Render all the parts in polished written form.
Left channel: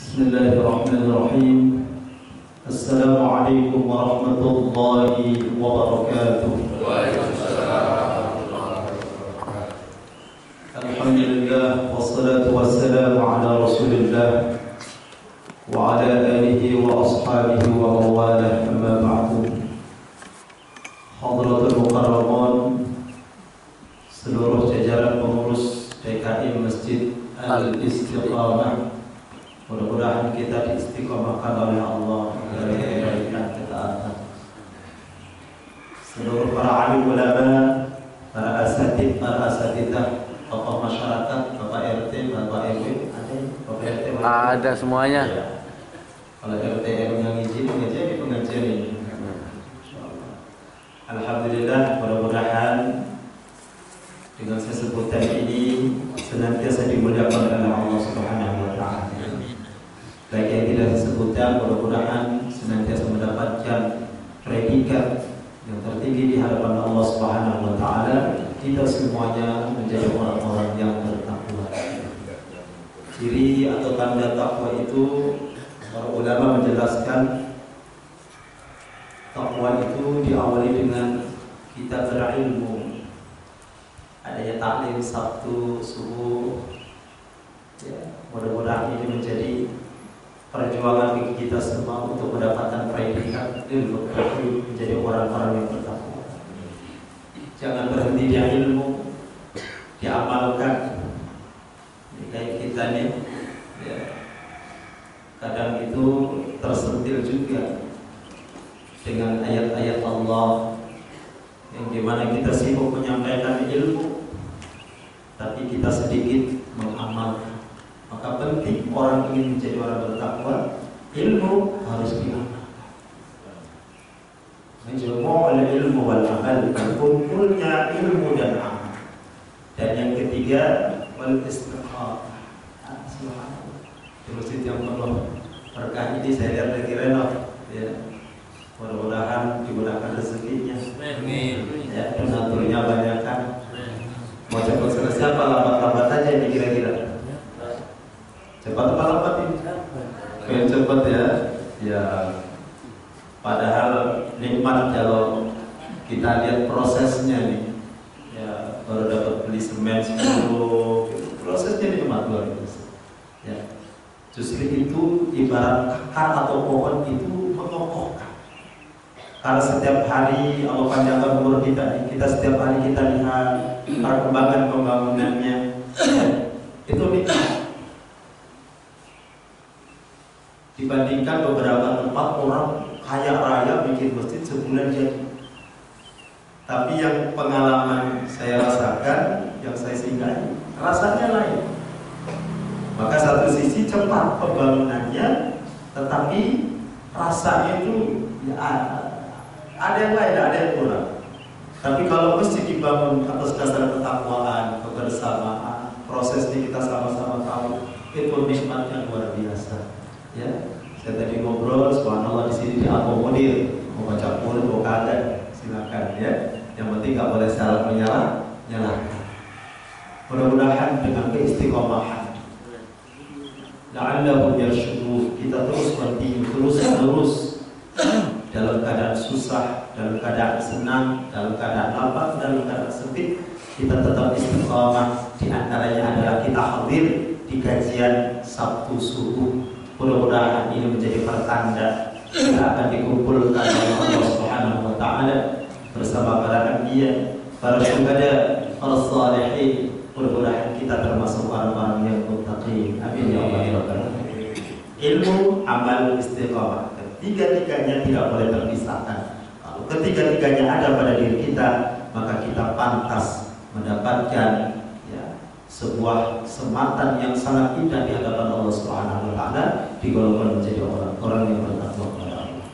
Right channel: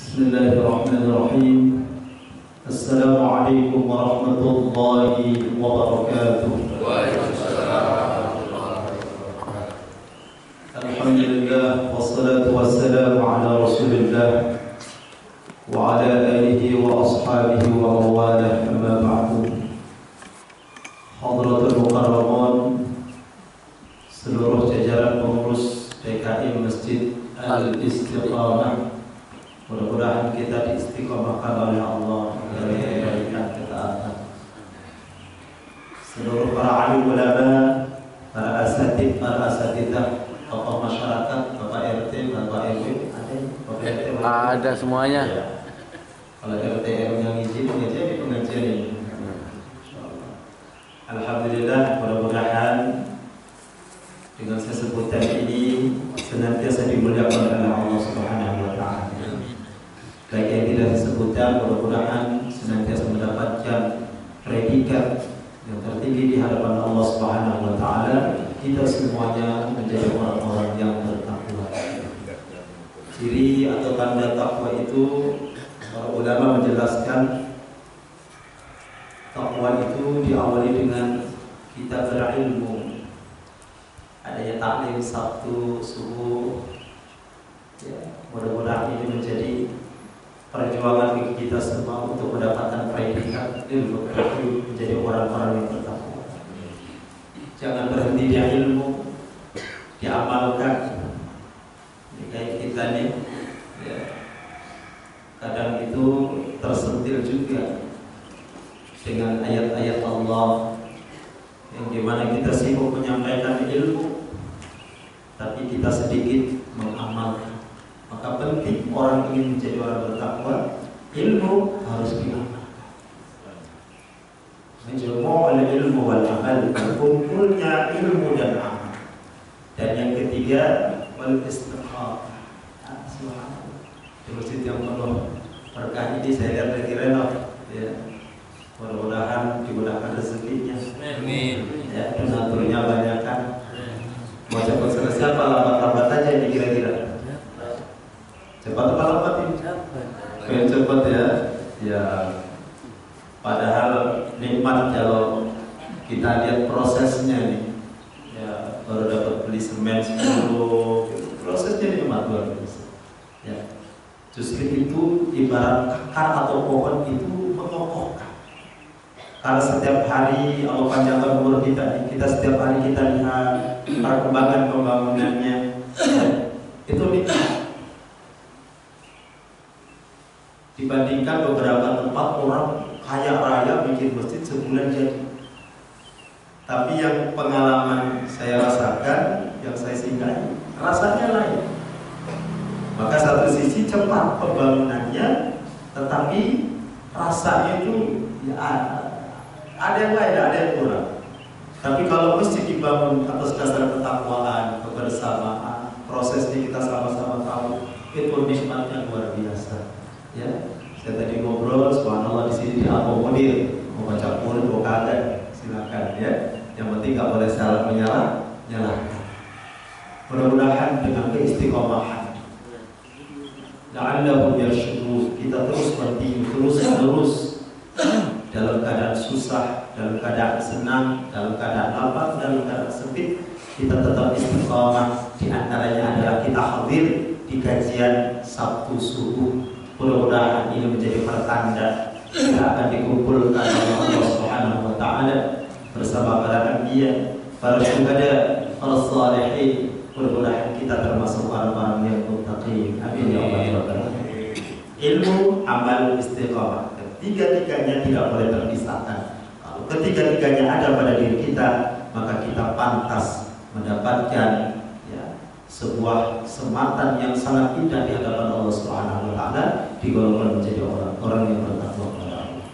Bismillahirrahmanirrahim. Assalamualaikum warahmatullahi wabarakatuh. Alhamdulillah, wassalatu wassalamu ala Rasulillah wa ala alihi wa ashabihi wa mawalah, amma ba'du. Hadratul mukarramun, seluruh jajaran pengurus DKI Masjid Al-Istiqamah, mudah-mudahan kita diistiqomahkan oleh Allah dari kebaikan ketaatan. Seluruh para alim ulama, para asatidzah, tokoh masyarakat, Bapak RT, Bapak RW, ada Bapak RT? Ada semuanya. Ya. Kalau RT yang izin di pengajian ini. Alhamdulillah, mudah-mudahan dengan sesebutan ini senantiasa dimuliakan oleh Allah Subhanahu wa taala. Baik yang tidak disebutkan, mudah-mudahan senantiasa mendapatkan predikat yang tertinggi di hadapan Allah Subhanahu wa taala. Kita semuanya menjadi orang-orang yang bertakwa. Ciri atau tanda takwa itu, para ulama menjelaskan, takwa itu diawali dengan kita berilmu. Adanya taklim Sabtu subuh, ya, mudah-mudahan ini menjadi perjuangan bagi kita semua untuk mendapatkan predikat ilmu, menjadi orang-orang yang bertakwa. Jangan berhenti di ilmu, diamalkan. Kayak kita nih, ya, kadang itu tersentil juga dengan ayat-ayat Allah yang dimana kita sibuk menyampaikan ilmu, tapi kita sedikit mengamalkan. Maka penting orang ingin menjadi orang bertakwa, ilmu harus diamalkan. Menjemur ilmu wal amal, kumpulnya ilmu dan amal. Dan yang ketiga, wal istiqamah. Subhanallah. Di masjid yang penuh berkah ini saya lihat lagi renov, ya. Mudah-mudahan digunakan rezekinya. Amin. Ya, donaturnya banyak kan. Mau cepat selesai apa lambat-lambat aja ini kira-kira? Cepat apa lambat ini? Pengen cepat ya. Ya. Padahal nikmat kalau kita lihat prosesnya nih. Ya, baru dapat beli semen 10, prosesnya nikmat luar biasa. Ya. Justru itu ibarat akar atau pohon itu mengokohkan. Karena setiap hari Allah panjangkan umur kita setiap hari kita lihat perkembangan pembangunannya, itu nikmat. Dibandingkan beberapa tempat orang kaya raya bikin masjid sebulan jadi. Tapi yang pengalaman saya rasakan, yang saya singgahi, rasanya lain. Maka satu sisi cepat pembangunannya, tetapi rasanya itu ya ada yang lain, ada yang kurang. Tapi kalau masjid dibangun atas dasar ketakwaan, kebersamaan, prosesnya kita sama-sama tahu, itu nikmatnya luar biasa. Ya, saya tadi ngobrol, subhanallah di sini diakomodir, mau baca Quran, mau kagak, silakan ya. Yang penting nggak boleh salah nyalakan. Mudah-mudahan dengan keistiqomahan, la'allahum yarshudun, kita terus terus dalam keadaan susah, dalam keadaan senang, dalam keadaan lapang, dalam keadaan sempit, kita tetap istiqamah. Di antaranya adalah kita hadir di kajian Sabtu subuh. Mudah-mudahan ini menjadi pertanda kita akan dikumpulkan oleh Allah Subhanahu wa taala bersama para anbiya, para syuhada, para salihin. Mudah-mudahan kita termasuk orang-orang yang muttaqin. Amin ya Allah ya rabbal alamin. Ilmu, amal, istiqamah, ketiga-tiganya tidak boleh terpisahkan. Kalau ketiga-tiganya ada pada diri kita, maka kita pantas mendapatkan sebuah sematan yang sangat indah di hadapan Allah Subhanahu wa taala, digolongkan menjadi orang-orang yang bertakwa kepada Allah.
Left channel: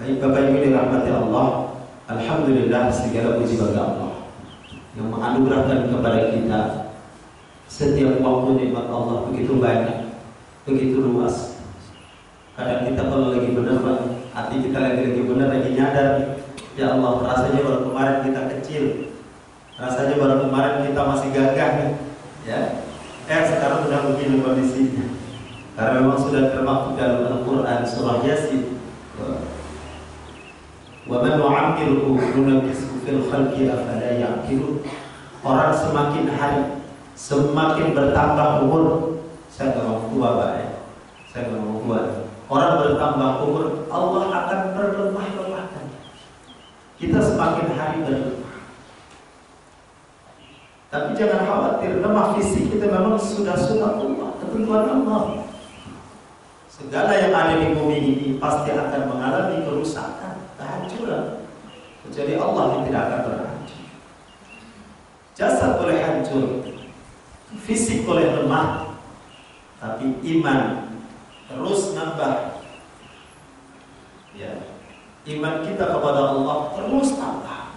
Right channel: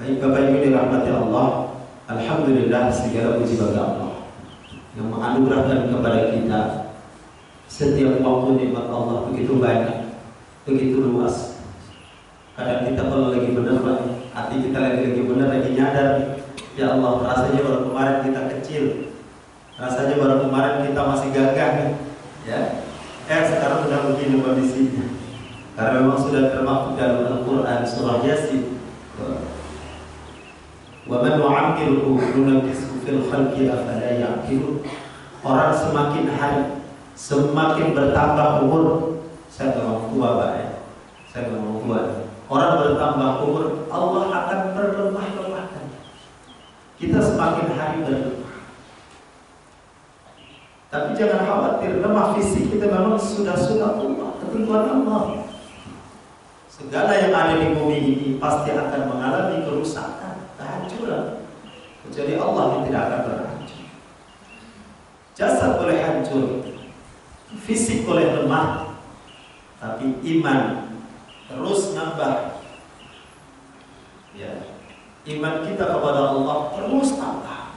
Baik Bapak Ibu dirahmati Allah, alhamdulillah segala puji bagi Allah yang menganugerahkan kepada kita setiap waktu nikmat Allah begitu banyak, begitu luas. Kadang kita kalau lagi benar, hati kita lagi benar, lagi nyadar, ya Allah, rasanya baru kemarin kita kecil, rasanya baru kemarin kita masih gagah nih. Ya, sekarang sudah begini kondisinya. Karena memang sudah termaktub dalam Al-Quran surah Yasin. Wa man nu'ammirhu nunakkishu fil khalqi afala ya'qilun. Orang semakin hari semakin bertambah umur. Saya nggak mau tua Pak ya. Saya nggak mau tua. Orang bertambah umur, Allah akan berlemah-lemahkan. Kita semakin hari berlemah. Tapi jangan khawatir, lemah fisik kita memang sudah sunatullah, ketentuan Allah. Segala yang ada di bumi ini pasti akan mengalami kerusakan, kehancuran. Kecuali Allah yang tidak akan berhancur. Jasad boleh hancur, fisik boleh lemah, tapi iman terus nambah. Ya, iman kita kepada Allah terus tambah.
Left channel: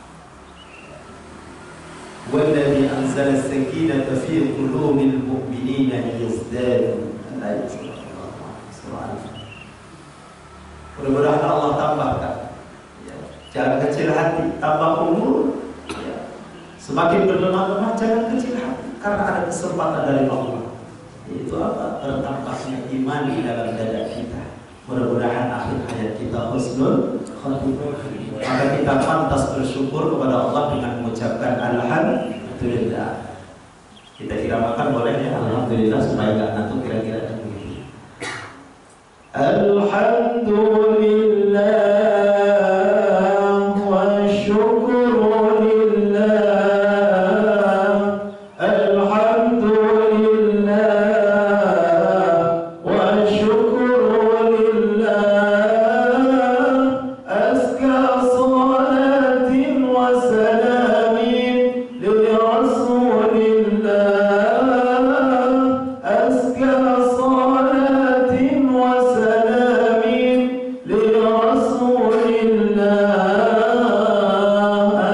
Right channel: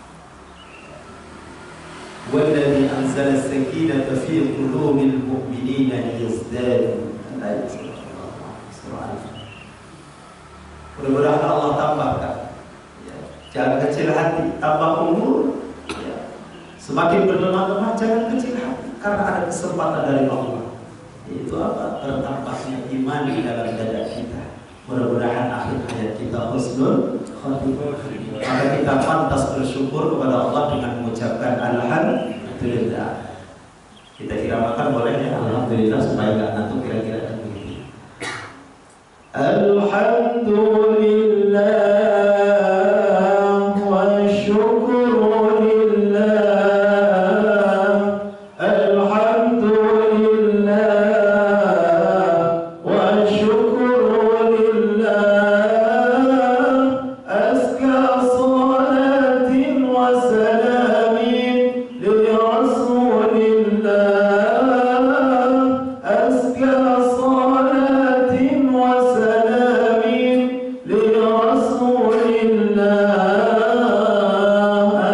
Walladzi anzala as-sakinata fi qulubil mu'minina liyazdadu. Mudah-mudahan Allah tambahkan. Ya. Jangan kecil hati, tambah umur. Ya. Semakin berlemah-lemah, jangan kecil hati, karena ada kesempatan dari Allah. Itu apa? Bertambahnya iman di dalam dada kita. Mudah-mudahan akhir hayat kita husnul khatimah. Maka kita pantas bersyukur kepada Allah dengan mengucapkan alhamdulillah. Kita iramakan boleh ya, alhamdulillah, supaya nggak ngantuk kira-kira begitu. Alhamdulillah wa syukur lillah. Alhamdulillah wa syukur lillah. Azka salatin wa salamin li rasulillah. Azka salatin wa salamin li rasulillah.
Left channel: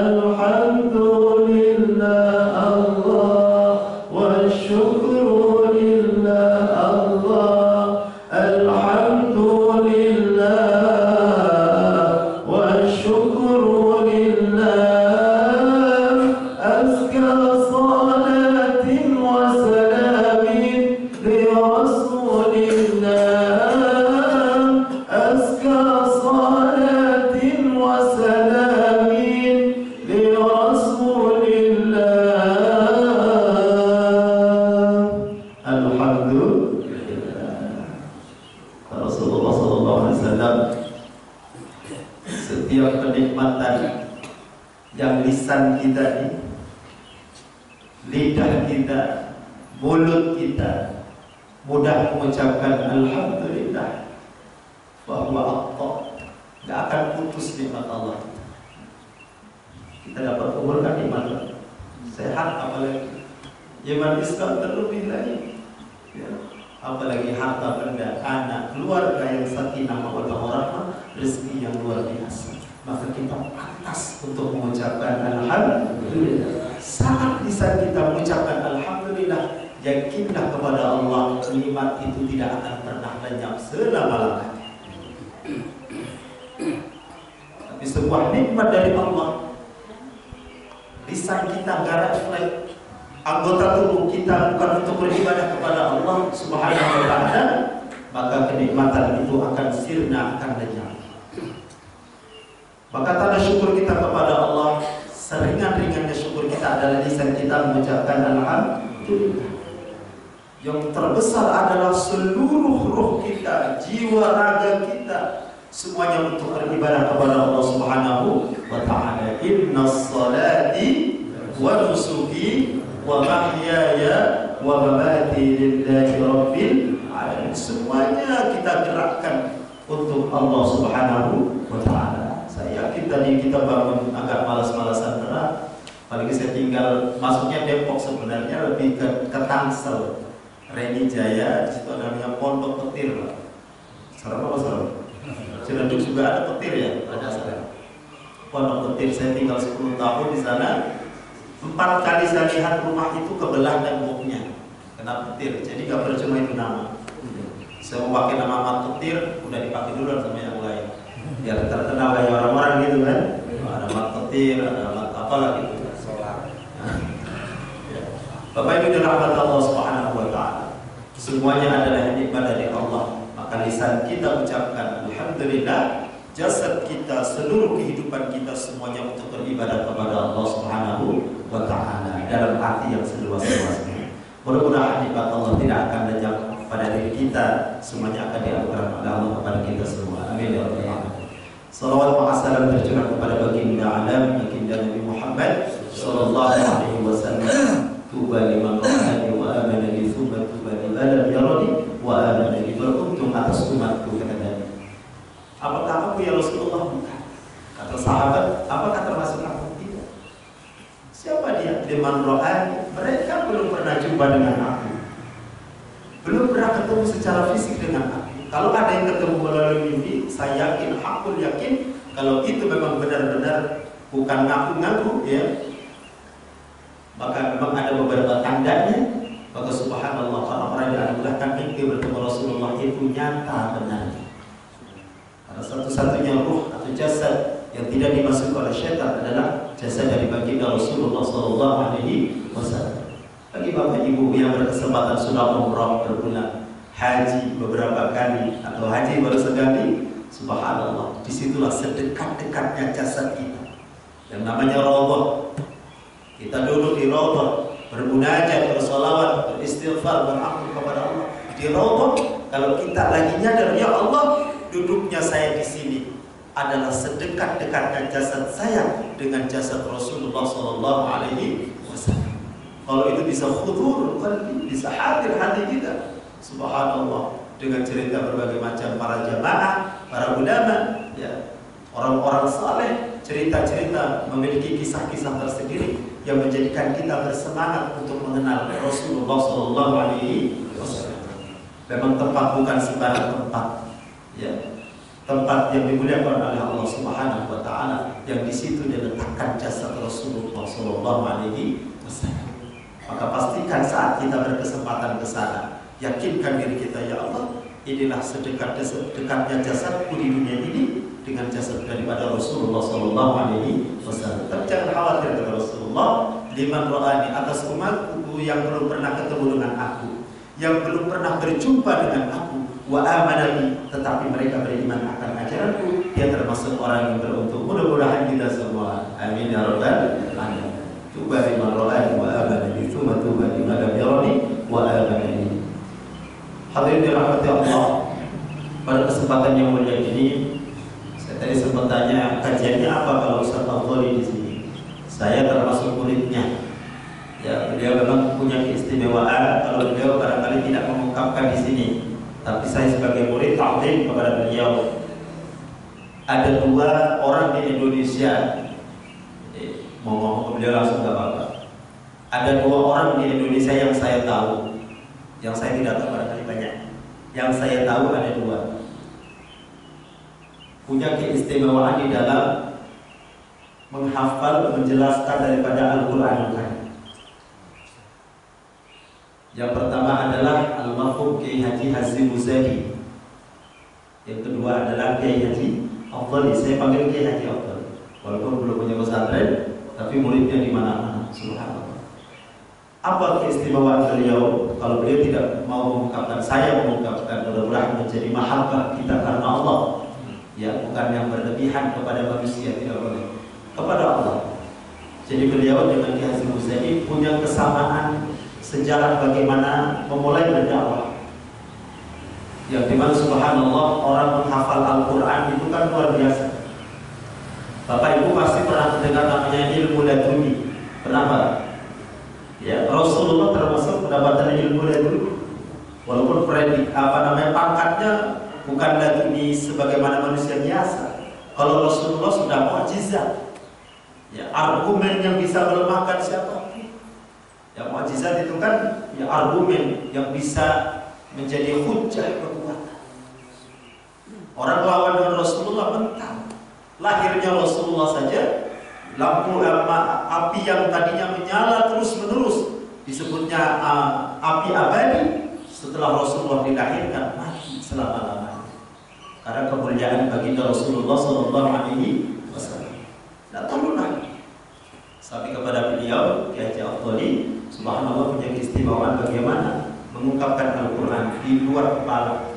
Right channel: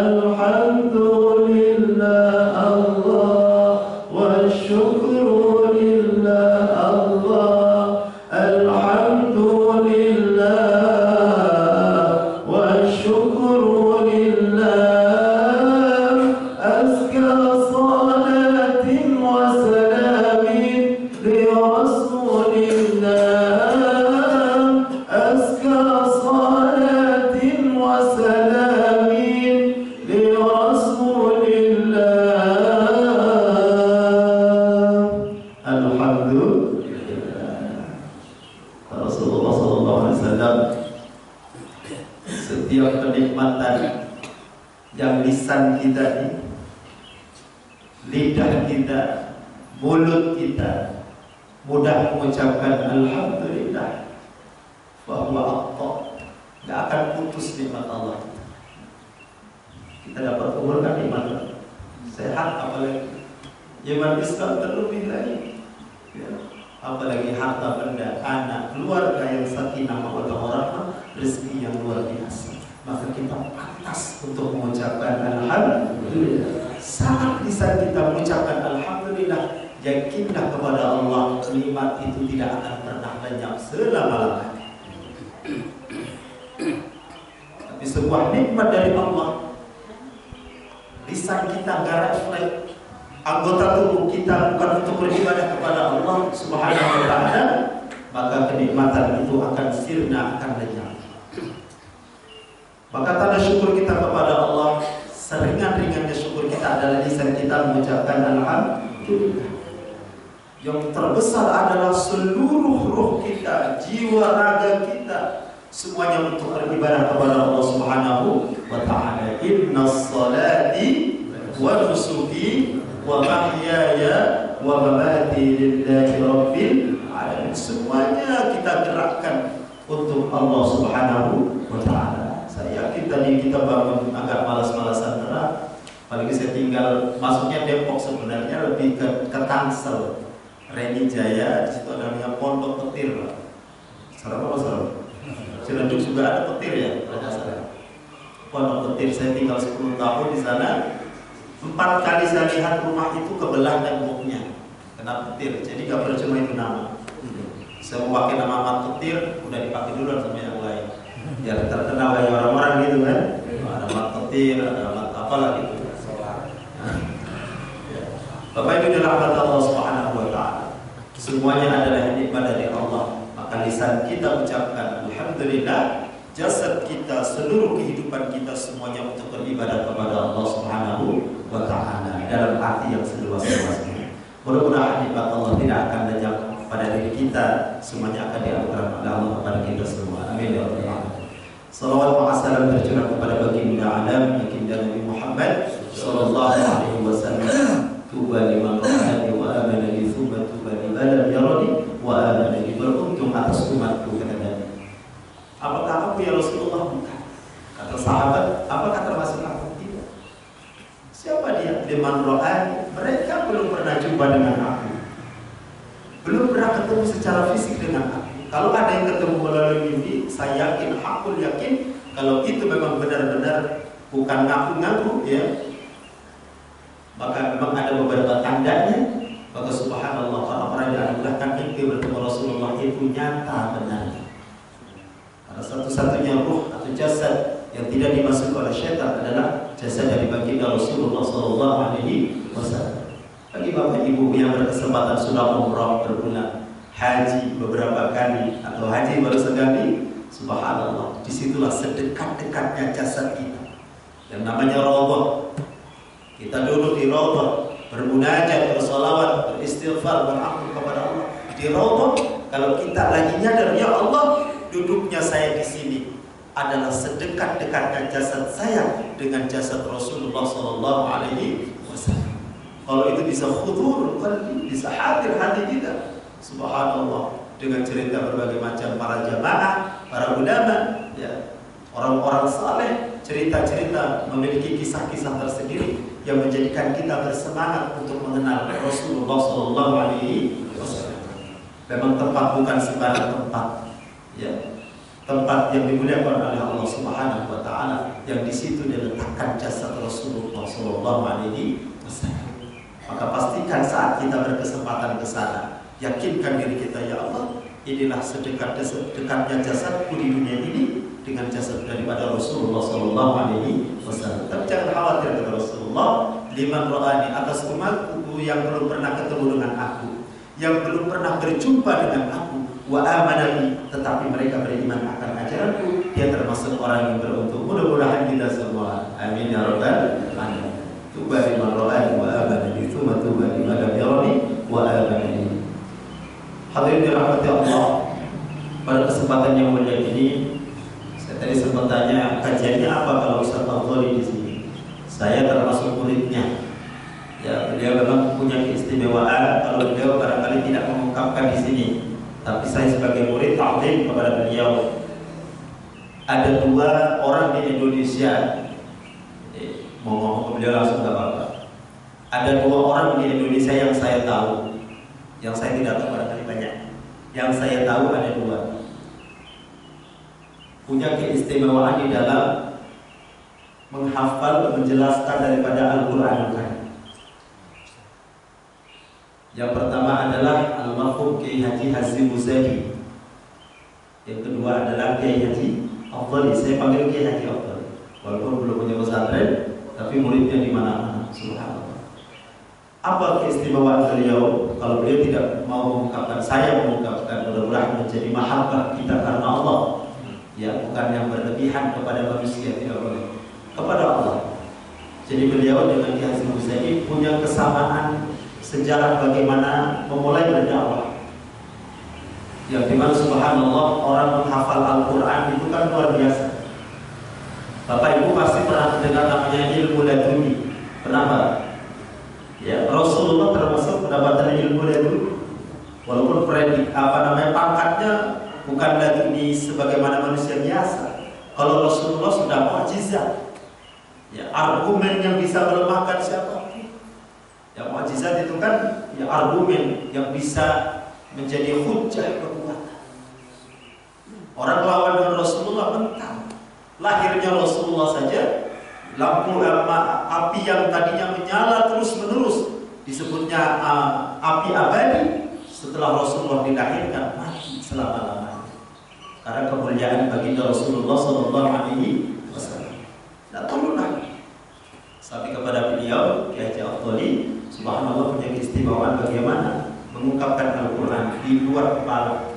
Alhamdulillah Allah wa syukru lillah Allah. Alhamdulillah wa syukru lillah. Azka salatin wa salamin li rasulillah. Azka salatin wa salamin li rasulillah. Alhamdulillah. Rasulullah SAW, setiap kenikmatan yang lisan kita ini, lidah kita, mulut kita mudah mengucapkan alhamdulillah, bahwa Allah nggak akan putus nikmat Allah. Kita dapat umur kan iman sehat, apalagi iman Islam terlebih lagi. Ya. Apalagi harta benda, anak, keluarga yang sakinah mawaddah warahmah, rezeki yang luar biasa. Maka kita pantas untuk mengucapkan alhamdulillah. Saat lisan kita mengucapkan alhamdulillah, yakinlah kepada Allah, nikmat itu tidak akan pernah lenyap selama-lamanya. Tapi sebuah nikmat dari Allah, lisan kita nggak refleks, anggota tubuh kita bukan untuk beribadah kepada Allah Subhanahu wa ta'ala, maka kenikmatan itu akan sirna, akan lenyap. Maka tanda syukur kita kepada Allah, seringan-ringannya syukur kita adalah lisan kita mengucapkan alhamdulillah. Yang terbesar adalah seluruh ruh kita, jiwa raga kita, semuanya untuk beribadah kepada Allah Subhanahu wa ta'ala. Innas salati wa nusuki wa mahyaya wa mamati lillahi rabbil alamin. Semuanya kita gerakkan untuk Allah Subhanahu wa ta'ala. Saya yakin tadi kita bangun agak malas-malasan berat. Apalagi saya tinggal, masuknya Depok sebenarnya lebih ke Tangsel, Reni Jaya, di situ namanya Pondok Petir, Pak. Serem apa serem? Ciledug juga ada petir ya, ada serem. Pondok Petir, saya tinggal 10 tahun di sana. 4 kali saya lihat rumah itu kebelah temboknya kena petir, jadi gak percuma itu nama. Saya mau pakai nama Mat Petir, udah dipakai duluan sama yang lain, biar terkenal kayak orang-orang gitu kan. Ada Mat Petir, ada Mat apalah gitu. Bapak Ibu dirahmati Allah Subhanahu wa ta'ala, semuanya adalah nikmat dari Allah. lisan kita ucapkan alhamdulillah, jasad kita, seluruh kehidupan kita semuanya untuk beribadah kepada Allah Subhanahu wa Ta'ala dalam arti yang seluas-luasnya. Mudah-mudahan nikmat Allah tidak akan lenyap pada diri kita, semuanya akan dianugerahkan oleh Allah kepada kita semua. Amin ya rabbal alamin. Salawat wa salam tercurah kepada baginda alam, baginda Nabi Muhammad sallallahu alaihi wasallam. Tuba liman ra'ani wa amana bi, thumma tuba liman lam yarani wa amana bi. Beruntung atas umatku, kata Nabi. Apakah aku ya Rasulullah? Bukan. Kata sahabat, apakah termasuk aku? Tidak. Siapa dia? Liman ra'ani. Mereka belum pernah jumpa dengan aku, belum pernah ketemu secara fisik dengan aku. Kalau ada yang ketemu melalui mimpi, saya yakin, hakul yakin, kalau itu memang benar-benar bukan ngaku-ngaku, ya, maka memang ada beberapa tandanya. Maka subhanallah, orang-orang yang dianugerahkan mimpi bertemu Rasulullah itu nyata benar. Karena satu-satunya ruh atau jasad yang tidak dimasuki oleh syaitan adalah jasad dari baginda Rasulullah sallallahu alaihi wasallam. Bagi bapak ibu yang berkesempatan sudah umrah berbulan, haji beberapa kali atau haji baru sekali, subhanallah, disitulah sedekat-dekatnya jasad kita yang namanya raudhah. Kita duduk di raudhah, bermunajat, bersolawat, beristighfar, beramal kepada Allah di raudhah. Kalau kita lagi nyadar, ya Allah, duduknya saya di sini adalah sedekat-dekatnya jasad saya dengan jasad Rasulullah sallallahu alaihi wasallam. Kalau itu bisa khudur qalbi, bisa hadir hati kita, subhanallah, dengan cerita berbagai macam para jamaah, para ulama, ya, orang-orang saleh, cerita-cerita memiliki kisah-kisah tersendiri yang menjadikan kita bersemangat untuk mengenal Rasulullah sallallahu alaihi wasallam. Memang tempat bukan sembarang tempat, ya. Tempat yang dimuliakan oleh Allah Subhanahu wa Ta'ala, yang di situ diletakkan jasad Rasulullah sallallahu alaihi wasallam. Maka pastikan saat kita berkesempatan ke sana, yakinkan diri kita, ya Allah, inilah sedekat-dekatnya jasadku di dunia ini dengan jasad daripada Rasulullah sallallahu alaihi wasallam. Tapi jangan khawatir, kata Rasulullah, liman ra'ani, atas umatku yang belum pernah ketemu dengan aku, yang belum pernah berjumpa dengan aku, wa amana, tetapi mereka beriman akan ajaranku, dia termasuk orang yang beruntung. Mudah-mudahan kita semua, amin ya rabbal alamin. Tuba liman ra'ani wa amana bi, tsumma tuba liman lam yarani wa amana bi. Hadirin dirahmati Allah, pada kesempatan yang mulia ini, saya tadi sempat tanya kajiannya apa kalau Ustaz Al-Ghali di sini. Saya termasuk muridnya. Ya, beliau memang punya keistimewaan kalau beliau barangkali tidak mengungkapkan di sini. Tapi saya sebagai murid ta'lim kepada beliau. Ada 2 orang di Indonesia, mau ngomong ke beliau langsung gak apa-apa. Ada 2 orang di Indonesia yang saya tahu, yang saya tidak tahu barangkali banyak. Yang saya tahu ada 2, punya keistimewaan di dalam menghafal, menjelaskan daripada Al-Quranul Karim. Yang pertama adalah Al-Marhum Kiai Haji Hazim Muzadi. Yang kedua adalah Kiai Haji Afdali. Saya panggil Kiai Haji Afdali, walaupun belum punya pesantren, tapi muridnya di mana-mana. Subhanallah. Apa keistimewaan beliau? Kalau beliau tidak mau mengungkapkan, saya mengungkapkan, mudah-mudahan menjadi mahabbah kita karena Allah. Ya, bukan yang berlebihan kepada manusia, tidak boleh, kepada Allah. Jadi beliau dengan Kiai Haji Muzadi punya kesamaan sejarah bagaimana memulai berdakwah, yang dimana subhanallah orang menghafal Al-Quran itu kan luar biasa. Bapak Ibu pasti pernah mendengar namanya ilmu laduni. Kenapa? Ya, Rasulullah termasuk mendapatkan ilmu laduni, walaupun pangkatnya bukan laduni sebagaimana manusia biasa. Kalau Rasulullah sudah mukjizat, ya, argumen yang bisa melemahkan siapa? Yang mukjizat itu kan ya argumen yang bisa menjadi hujjah kekuatan. Orang lawan dengan Rasulullah mentang. Lahirnya Rasulullah saja, lampu api yang tadinya menyala terus-menerus disebutnya api abadi. Setelah Rasulullah dilahirkan, mati selama-lamanya. Karena kemuliaan baginda Rasulullah sallallahu alaihi wasallam. Tidak perlulah sampai kepada beliau Kiai Haji Afdali, subhanallah, punya keistimewaan bagaimana mengungkapkan Al-Quran di luar kepala.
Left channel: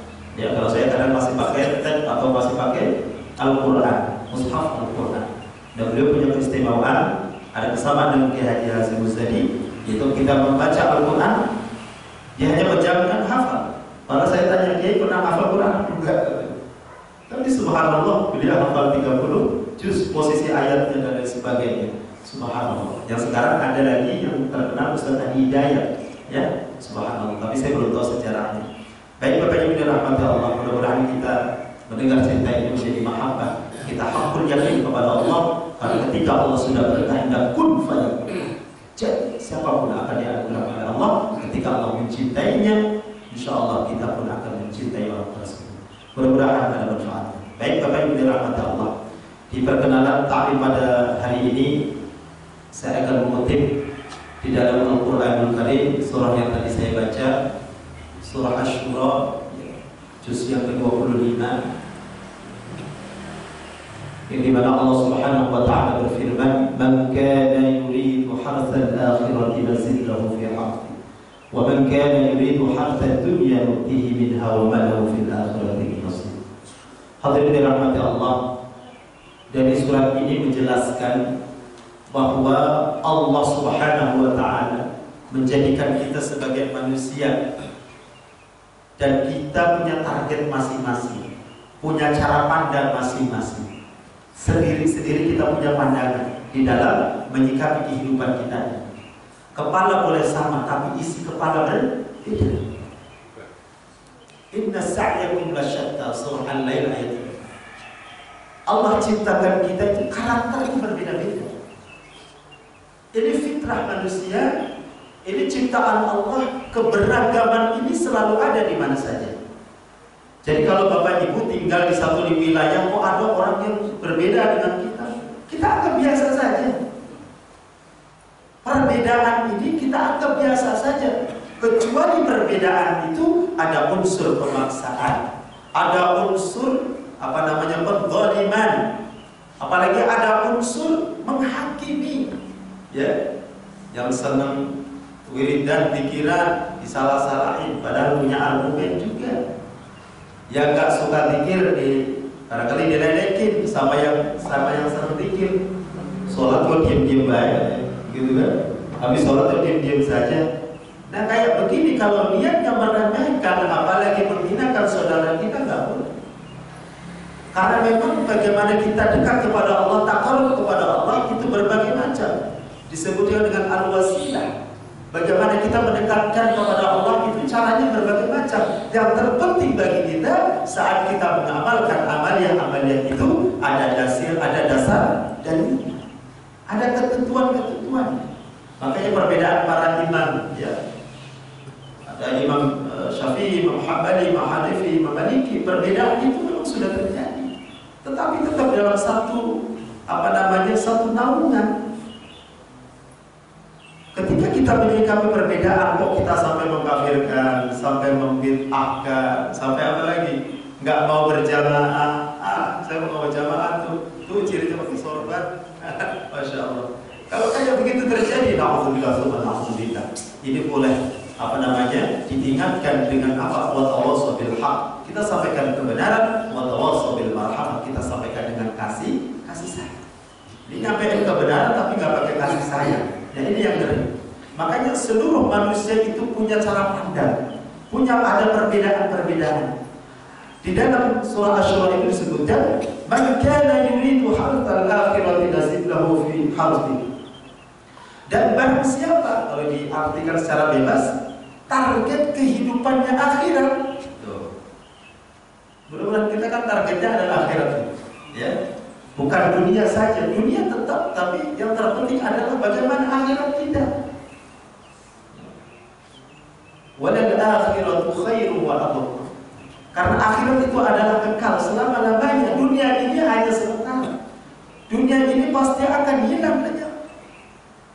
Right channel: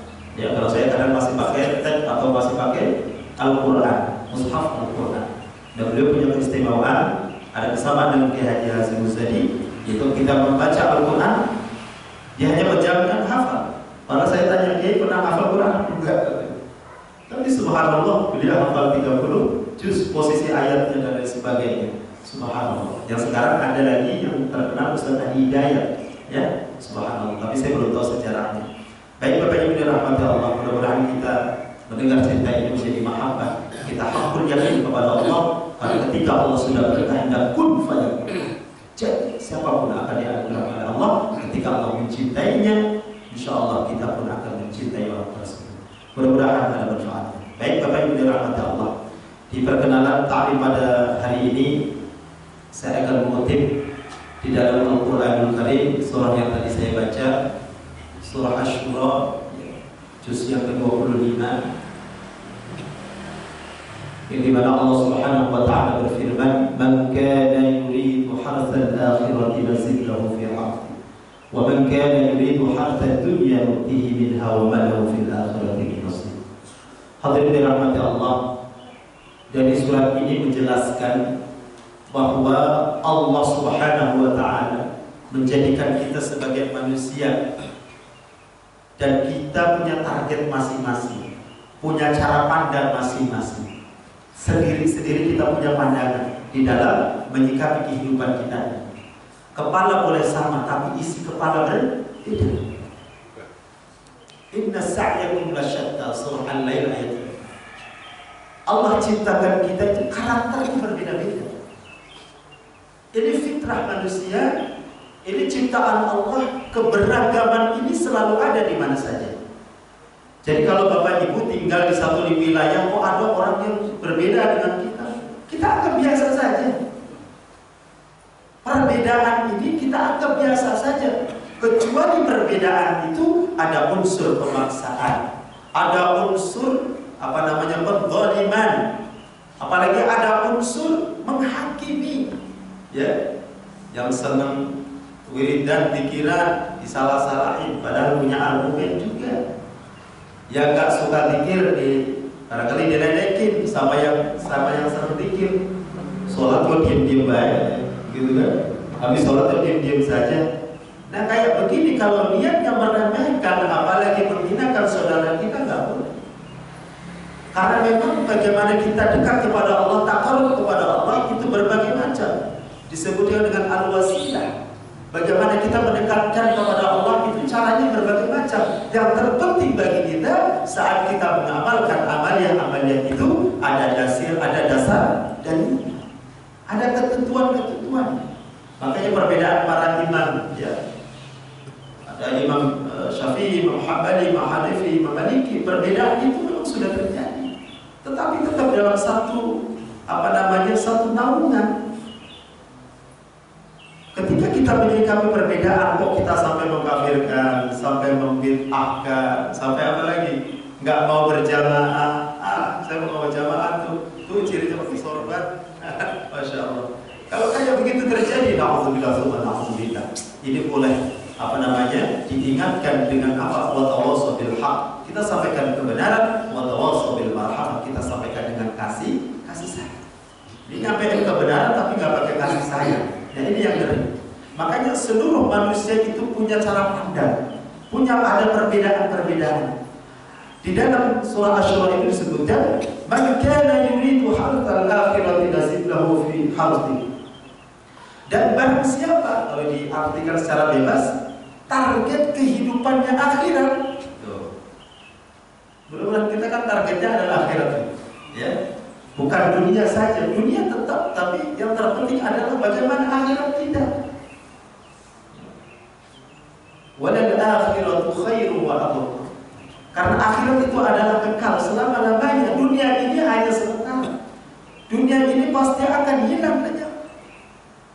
Ya, kalau saya kadang masih pakai tab atau masih pakai Al-Quran, mushaf Al-Quran. Dan beliau punya keistimewaan, ada kesamaan dengan Kiai Haji Hasyim Muzadi, yaitu kita membaca Al-Quran, dia hanya menjamin hafal. Kalau saya tanya, Kiai pernah hafal Quran? Enggak. Tapi subhanallah, beliau hafal 30 juz, posisi ayatnya dan lain sebagainya. Subhanallah. Yang sekarang ada lagi yang terkenal Ustaz Adi Hidayat, ya, subhanallah. Tapi saya belum tahu sejarahnya. Baik Bapak Ibu dirahmati Allah, mudah-mudahan kita mendengar cerita ini menjadi mahabbah. Kita hakul yakin kepada Allah, karena ketika Allah sudah berkehendak kun fayakun. Jadi siapapun akan dianugerahkan oleh Allah, ketika Allah mencintainya, insya Allah kita pun akan mencintai orang tersebut. Mudah-mudahan ada manfaatnya. Baik Bapak Ibu dirahmati Allah, di perkenalan ta'lim pada hari ini saya akan mengutip di dalam Al-Quranul Karim surah yang tadi saya baca, surah Asy-Syura juz yang ke-25, yang dimana Allah Subhanahu wa ta'ala berfirman, "Man kana yuridu hartsal akhirati nazid lahu fi harthi, wa man kana yuridu hartsad dunya nu'tihi minha wa ma lahu fil akhirati min nasib." Hadirin dirahmati Allah, dari surat ini menjelaskan bahwa Allah Subhanahu wa ta'ala menjadikan kita sebagai manusia dan kita punya target masing-masing, punya cara pandang masing-masing. Sendiri-sendiri kita punya pandangan di dalam menyikapi kehidupan kita. Kepala boleh sama, tapi isi kepala berbeda. Inna sa'yakum lasyatta, surah Al-Lail ayat 3. Allah ciptakan kita itu karakternya berbeda-beda. Ini fitrah manusia, ini ciptaan Allah, keberagaman ini selalu ada di mana saja. Jadi kalau Bapak Ibu tinggal di satu wilayah, kok ada orang yang berbeda dengan kita anggap biasa saja. Perbedaan ini kita anggap biasa saja. Kecuali perbedaan itu ada unsur pemaksaan, ada unsur penzaliman, apalagi ada unsur menghakimi. Ya, yang senang wiridan pikiran disalah-salahin padahal punya argumen juga. Yang gak suka zikir barangkali diledekin sama yang senang zikir. Sholat kok diam-diam baik, gitu kan? Habis sholat kok diam-diam saja. Nah kayak begini kalau niatnya meremehkan, apalagi menghinakan saudara kita, nggak boleh. Karena memang bagaimana kita dekat kepada Allah, takarrub kepada Allah itu berbagai macam. Disebutnya dengan al-wasilah. Bagaimana kita mendekatkan kepada Allah itu caranya berbagai macam. Yang terpenting bagi kita saat kita mengamalkan amalia itu ada dasar dan ada ketentuan-ketentuan. Makanya perbedaan para imam, ya. Ada Imam Syafi'i, Imam Hambali, Imam Hanafi, Imam Maliki. Perbedaan itu memang sudah terjadi. Tetapi tetap dalam satu naungan. Ketika kita menyikapi perbedaan, kok kita sampai mengkafirkan, sampai membid'ahkan, sampai apa lagi? Nggak mau berjamaah. Saya mau berjamaah tuh cirinya pakai sorban. Masya Allah. Kalau kayak begitu terjadi, na'udzubillah. Ini boleh diingatkan dengan apa? Wa tawassaw bil haq. Kita sampaikan kebenaran, wa tawassaw bil marhamah. Kita sampaikan dengan kasih sayang. Ini nyampein kebenaran tapi nggak pakai kasih sayang. Nah ini yang ngeri. Makanya seluruh manusia itu punya cara pandang, ada perbedaan-perbedaan. Di dalam surah Asy-Syura itu disebutkan, "Man kana yuridu hartsal akhirati nazid lahu fi harthi." Dan barang siapa, kalau diartikan secara bebas, target kehidupannya akhirat. Mudah-mudahan kita kan targetnya adalah akhirat, ya. Bukan dunia saja, dunia tetap, tapi yang terpenting adalah bagaimana akhirat kita. Walal akhiratu khairu wa abqa. Karena akhirat itu adalah kekal selama-lamanya. Dunia ini hanya sementara. Dunia ini pasti akan hilang saja.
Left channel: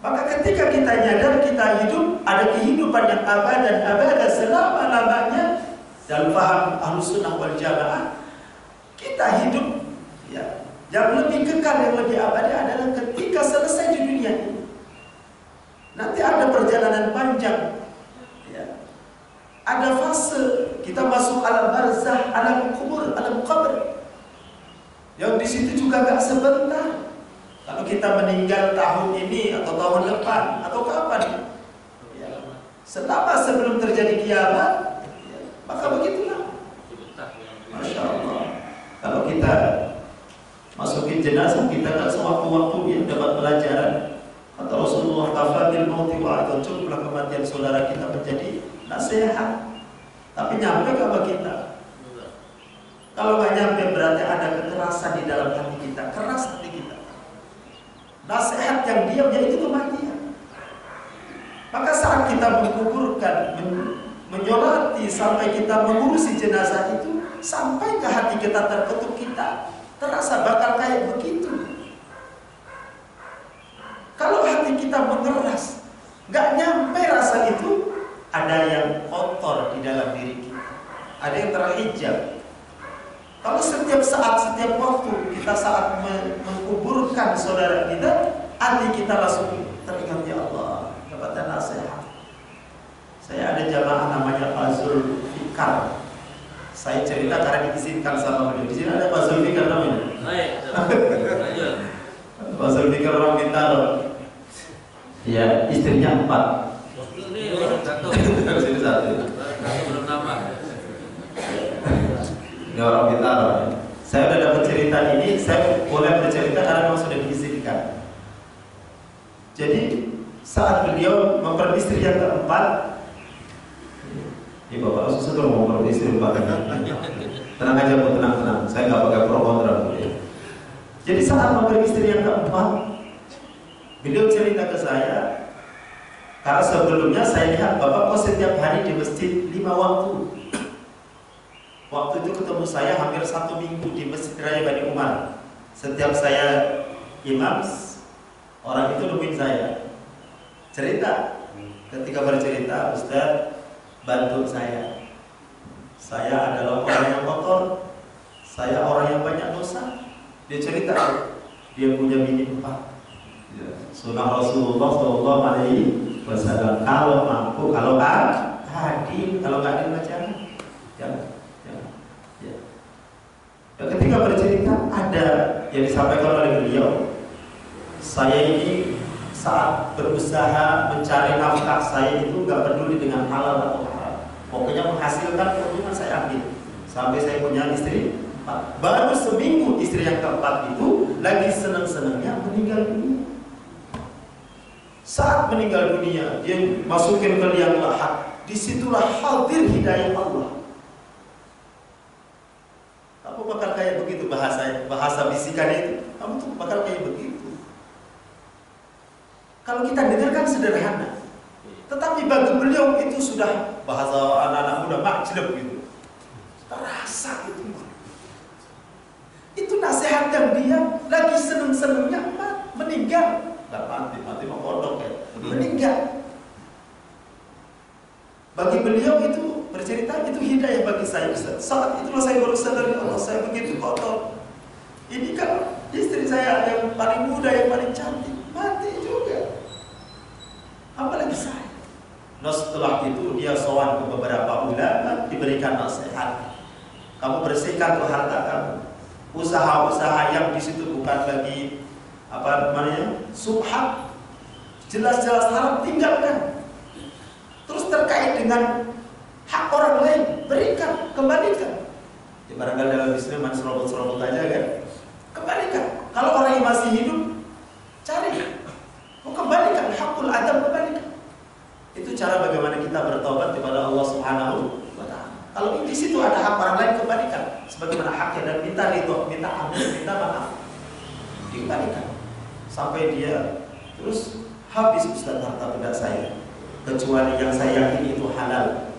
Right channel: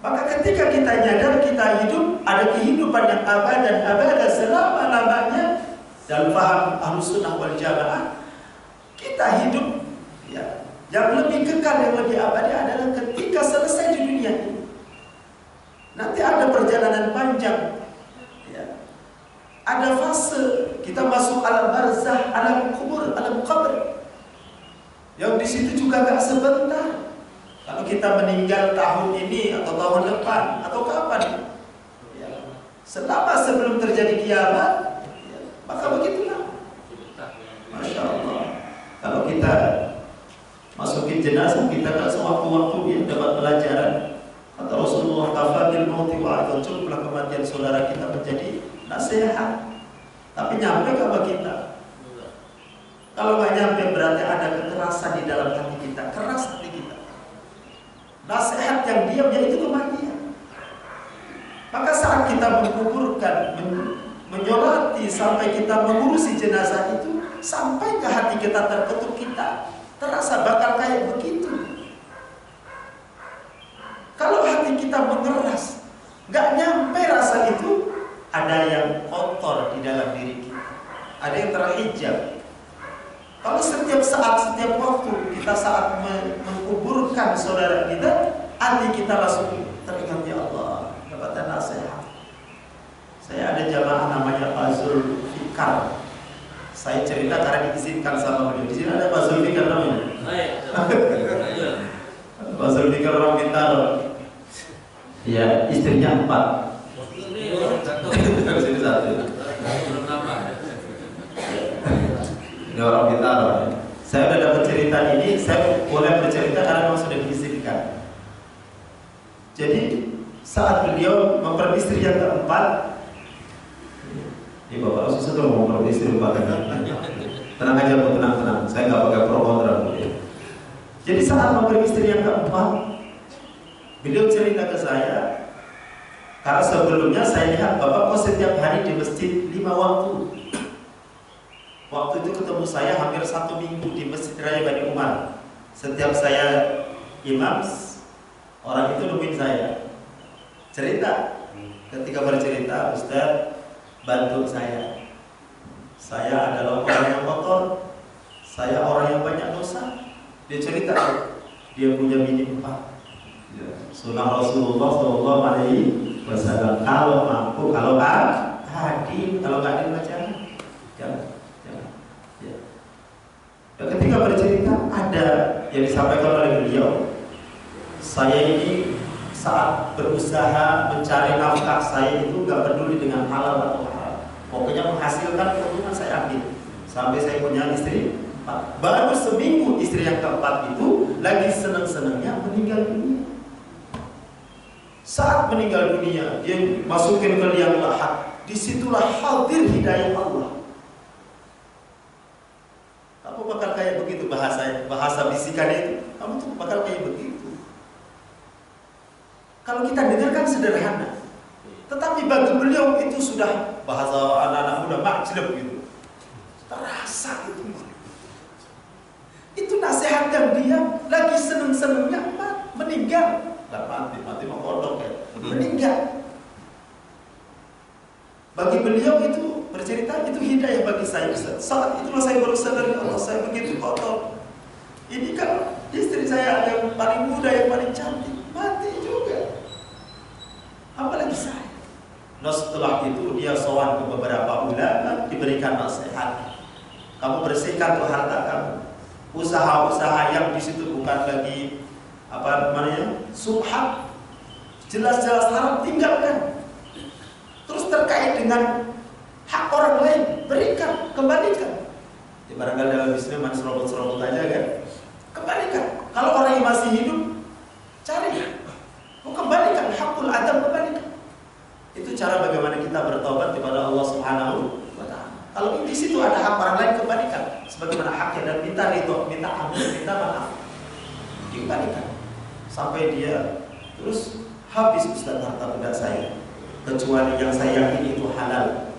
Maka ketika kita nyadar kita hidup, ada kehidupan yang abad selama-lamanya dalam paham Ahlussunnah wal Jamaah, kita hidup ya. Yang lebih kekal, yang lebih abadi adalah ketika selesai di dunia ini. Nanti ada perjalanan panjang, ya. Ada fase kita masuk alam barzah, alam kubur, alam kubur. Yang di situ juga nggak sebentar. Kalau kita meninggal tahun ini atau tahun depan atau kapan, ya, selama sebelum terjadi kiamat, ya, maka begitulah. Masya Allah. Kalau kita masukin jenazah kita kan sewaktu-waktu dia dapat pelajaran. Kata Rasulullah, kafatil mauti wa'adun, cukuplah kematian saudara kita menjadi nasihat. Tapi nyampe ke apa kita? Kalau nggak nyampe berarti ada kekerasan di dalam hati kita, keras hati kita. Nasihat yang diam yaitu kematian. Maka saat kita menguburkan, menyolati sampai kita mengurusi jenazah itu, sampai ke hati kita terketuk kita terasa bakal kayak begitu. Kalau hati kita mengeras, nggak nyampe rasa itu, ada yang kotor di dalam diri kita, ada yang terhijab. Kalau setiap saat, setiap waktu kita saat menguburkan saudara kita, hati kita langsung teringat, ya Allah, dapatkan nasihat. Saya ada jamaah namanya Pak Zulfikar. Saya cerita karena diizinkan sama beliau. Di sini ada Pak Zulfikar namanya. Pak Zulfikar orang Bintaro. Ya, istrinya 4. Sini satu. Ini orang Bintaro. Saya udah dapat cerita ini, saya boleh bercerita karena memang sudah diizinkan. Jadi saat beliau memperistri yang keempat, ini bapak susah tuh mau memperistri keempat. Tenang aja bu, tenang. Saya nggak pakai pro kontra bu. Jadi saat memperistri yang keempat, beliau cerita ke saya, karena sebelumnya saya lihat bapak kok setiap hari di masjid 5 waktu. Waktu itu ketemu saya hampir 1 minggu di Masjid Raya Bani Umar. Setiap saya imam, orang itu nungguin saya. Cerita, ketika bercerita, Ustaz bantu saya. Saya adalah orang yang kotor, saya orang yang banyak dosa. Dia cerita, dia punya bini 4. Sunnah Rasulullah SAW. Kalau mampu, kalau hadir, kalau nggak hadir jangan. Dan ketika bercerita ada yang disampaikan oleh beliau, saya ini saat berusaha mencari nafkah saya itu nggak peduli dengan halal atau haram. Pokoknya menghasilkan keuntungan saya ambil. Sampai saya punya istri 4. Baru seminggu istri yang keempat itu lagi senang-senangnya meninggal dunia. Saat meninggal dunia, dia masukin ke liang lahat. Disitulah hadir hidayah Allah. Kamu bakal kayak begitu bahasa bisikan itu. Kamu tuh bakal kayak begitu. Kalau kita dengarkan sederhana, tetapi bagi beliau itu sudah bahasa anak-anak muda makjleb gitu. Terasa itu. Itu nasihat yang dia lagi seneng-senengnya meninggal. Dan mati mau kodok ya. Meninggal. Bagi beliau itu bercerita itu hidayah bagi saya. Saat itulah saya baru sadar, ya Allah, saya begitu kotor. Ini kan istri saya yang paling muda, yang paling cantik, mati juga. Apalagi saya. Nah setelah itu dia sowan ke beberapa ulama, diberikan nasihat. Kamu bersihkan tuh harta kamu. Usaha-usaha yang di situ bukan lagi apa namanya subhat, jelas-jelas haram, tinggalkan. Terus terkait dengan hak orang lain, berikan, kembalikan. Ya barangkali dalam bisnis manis serobot-serobot aja kan. Kembalikan. Kalau orang yang masih hidup, cari. Mau kembalikan, hakul adam kembalikan. Itu cara bagaimana kita bertobat kepada Allah Subhanahu wa Ta'ala. Kalau di situ ada hak orang lain, kembalikan sebagaimana haknya dan minta ridho, minta ampun, minta maaf. Dikembalikan. Sampai dia terus habis Ustaz harta benda saya. Kecuali yang saya yakini itu halal.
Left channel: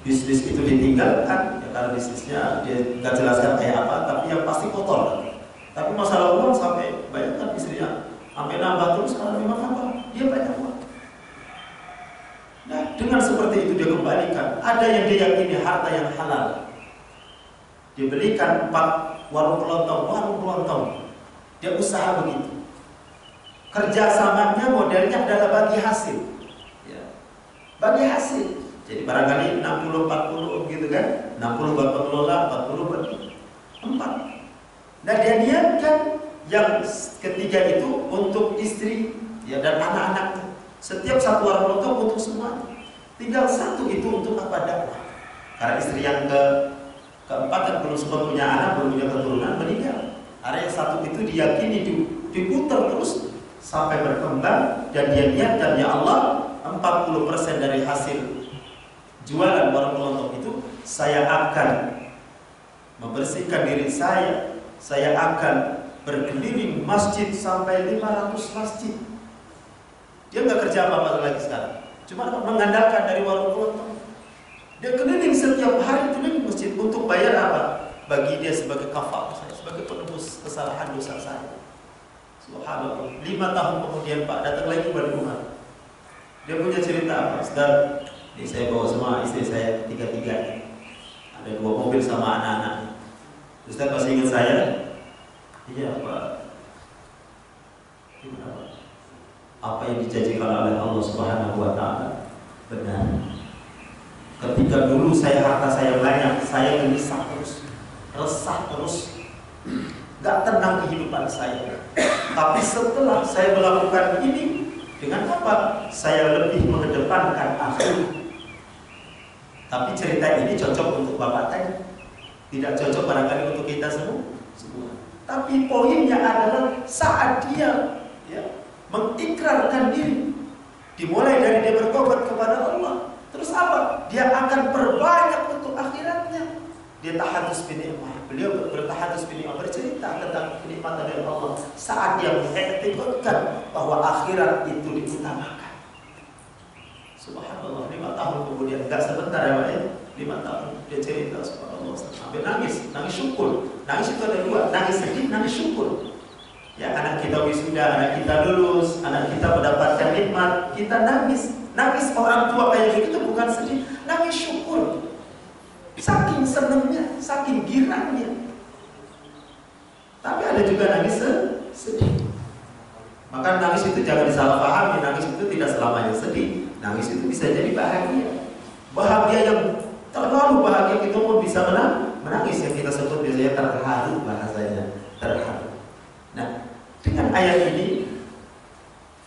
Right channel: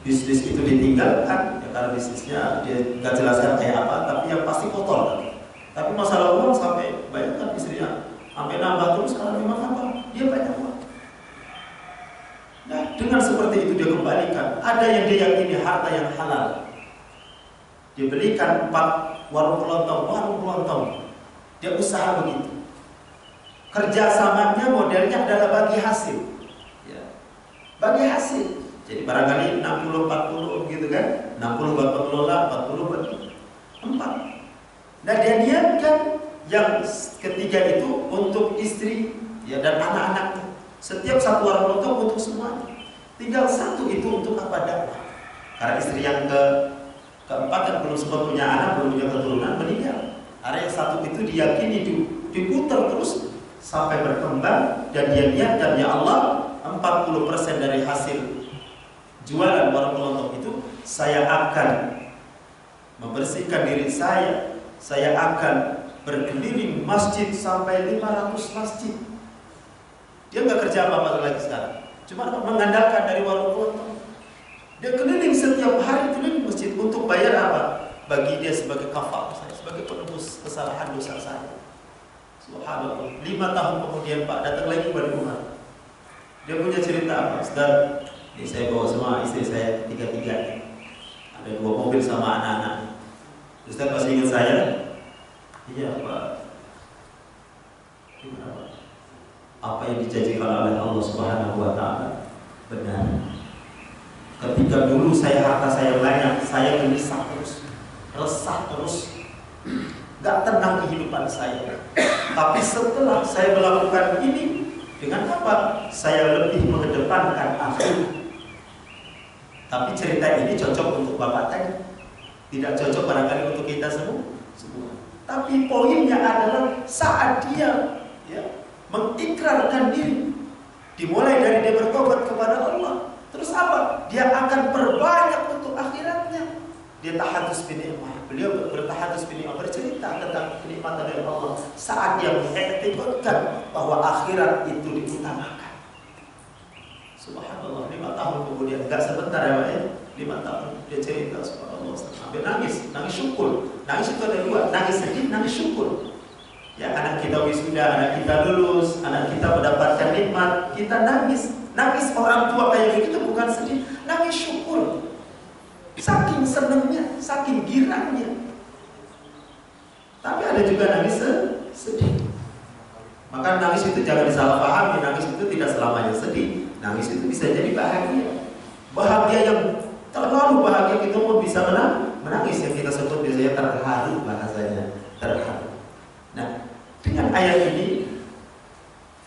Bisnis itu ditinggalkan ya, karena bisnisnya dia nggak jelaskan kayak apa, tapi yang pasti kotor. Tapi masalah uang sampai bayangkan istrinya sampai nambah terus karena memang apa? Dia banyak uang. Nah, dengan seperti itu dia kembalikan. Ada yang dia yakini harta yang halal. Dibelikan 4 warung kelontong. Dia usaha begitu. Kerjasamanya modelnya adalah bagi hasil. Bagi hasil. Jadi barangkali 60-40 gitu kan. 60 buat pengelola, 40 dia niatkan yang ketiga itu untuk istri ya dan anak-anaknya. Setiap satu orang potong untuk semuanya. Tinggal satu itu untuk apa? Dakwah. Karena istri yang keempat kan belum sempat punya anak, belum punya keturunan, meninggal. Ada yang satu itu diyakini diputar terus sampai berkembang dan dia niatkan ya Allah 40% dari hasil jualan warung kelontong itu saya akan membersihkan diri saya akan berkeliling masjid sampai 500 masjid. Dia nggak kerja apa-apa lagi sekarang, cuma mengandalkan dari warung kelontong. Dia keliling setiap hari keliling masjid untuk bayar apa? Bagi dia sebagai kafar saya, sebagai penebus kesalahan dosa saya. Subhanallah. 5 tahun kemudian Pak datang lagi pada rumah. Dia punya cerita apa? Ustaz, ini saya bawa semua istri saya tiga-tiganya. Ada 2 mobil sama anak-anak. Ustaz masih ingat saya? Iya Pak. Gimana Pak? Apa yang dijanjikan oleh Allah Subhanahu wa Ta'ala benar. Ketika dulu harta saya banyak, saya gelisah terus, resah terus, gak tenang kehidupan saya. Tapi setelah saya melakukan ini, dengan apa? Saya lebih mengedepankan akhirat. Tapi cerita ini cocok untuk Bapak tadi, tidak cocok barangkali untuk kita semua. Tapi poinnya adalah saat dia mengikrarkan diri, dimulai dari dia bertobat kepada Allah, terus apa? Dia akan perbanyak untuk akhiratnya. Dia tahadus binikmah. Beliau bertahadus binikmah, bercerita tentang kenikmatan dari Allah saat dia mengiktikadkan bahwa akhirat itu diutamakan. Subhanallah, 5 tahun kemudian, enggak sebentar ya Pak ya, 5 tahun dia cerita subhanallah, sampai nangis syukur. Nangis itu ada 2, nangis sedih, nangis syukur. Ya, anak kita wisuda, anak kita lulus, anak kita mendapatkan nikmat, kita nangis. Nangis orang tua kayak begitu bukan sedih, nangis syukur. Saking senangnya, saking girangnya. Tapi ada juga nangis sedih. Maka nangis itu jangan disalahpahami, nangis itu tidak selamanya sedih. Nangis itu bisa jadi bahagia. Bahagia yang terlalu bahagia kita pun bisa menangis, yang kita sebut biasanya terharu, bahasanya terharu. Nah, dengan ayat ini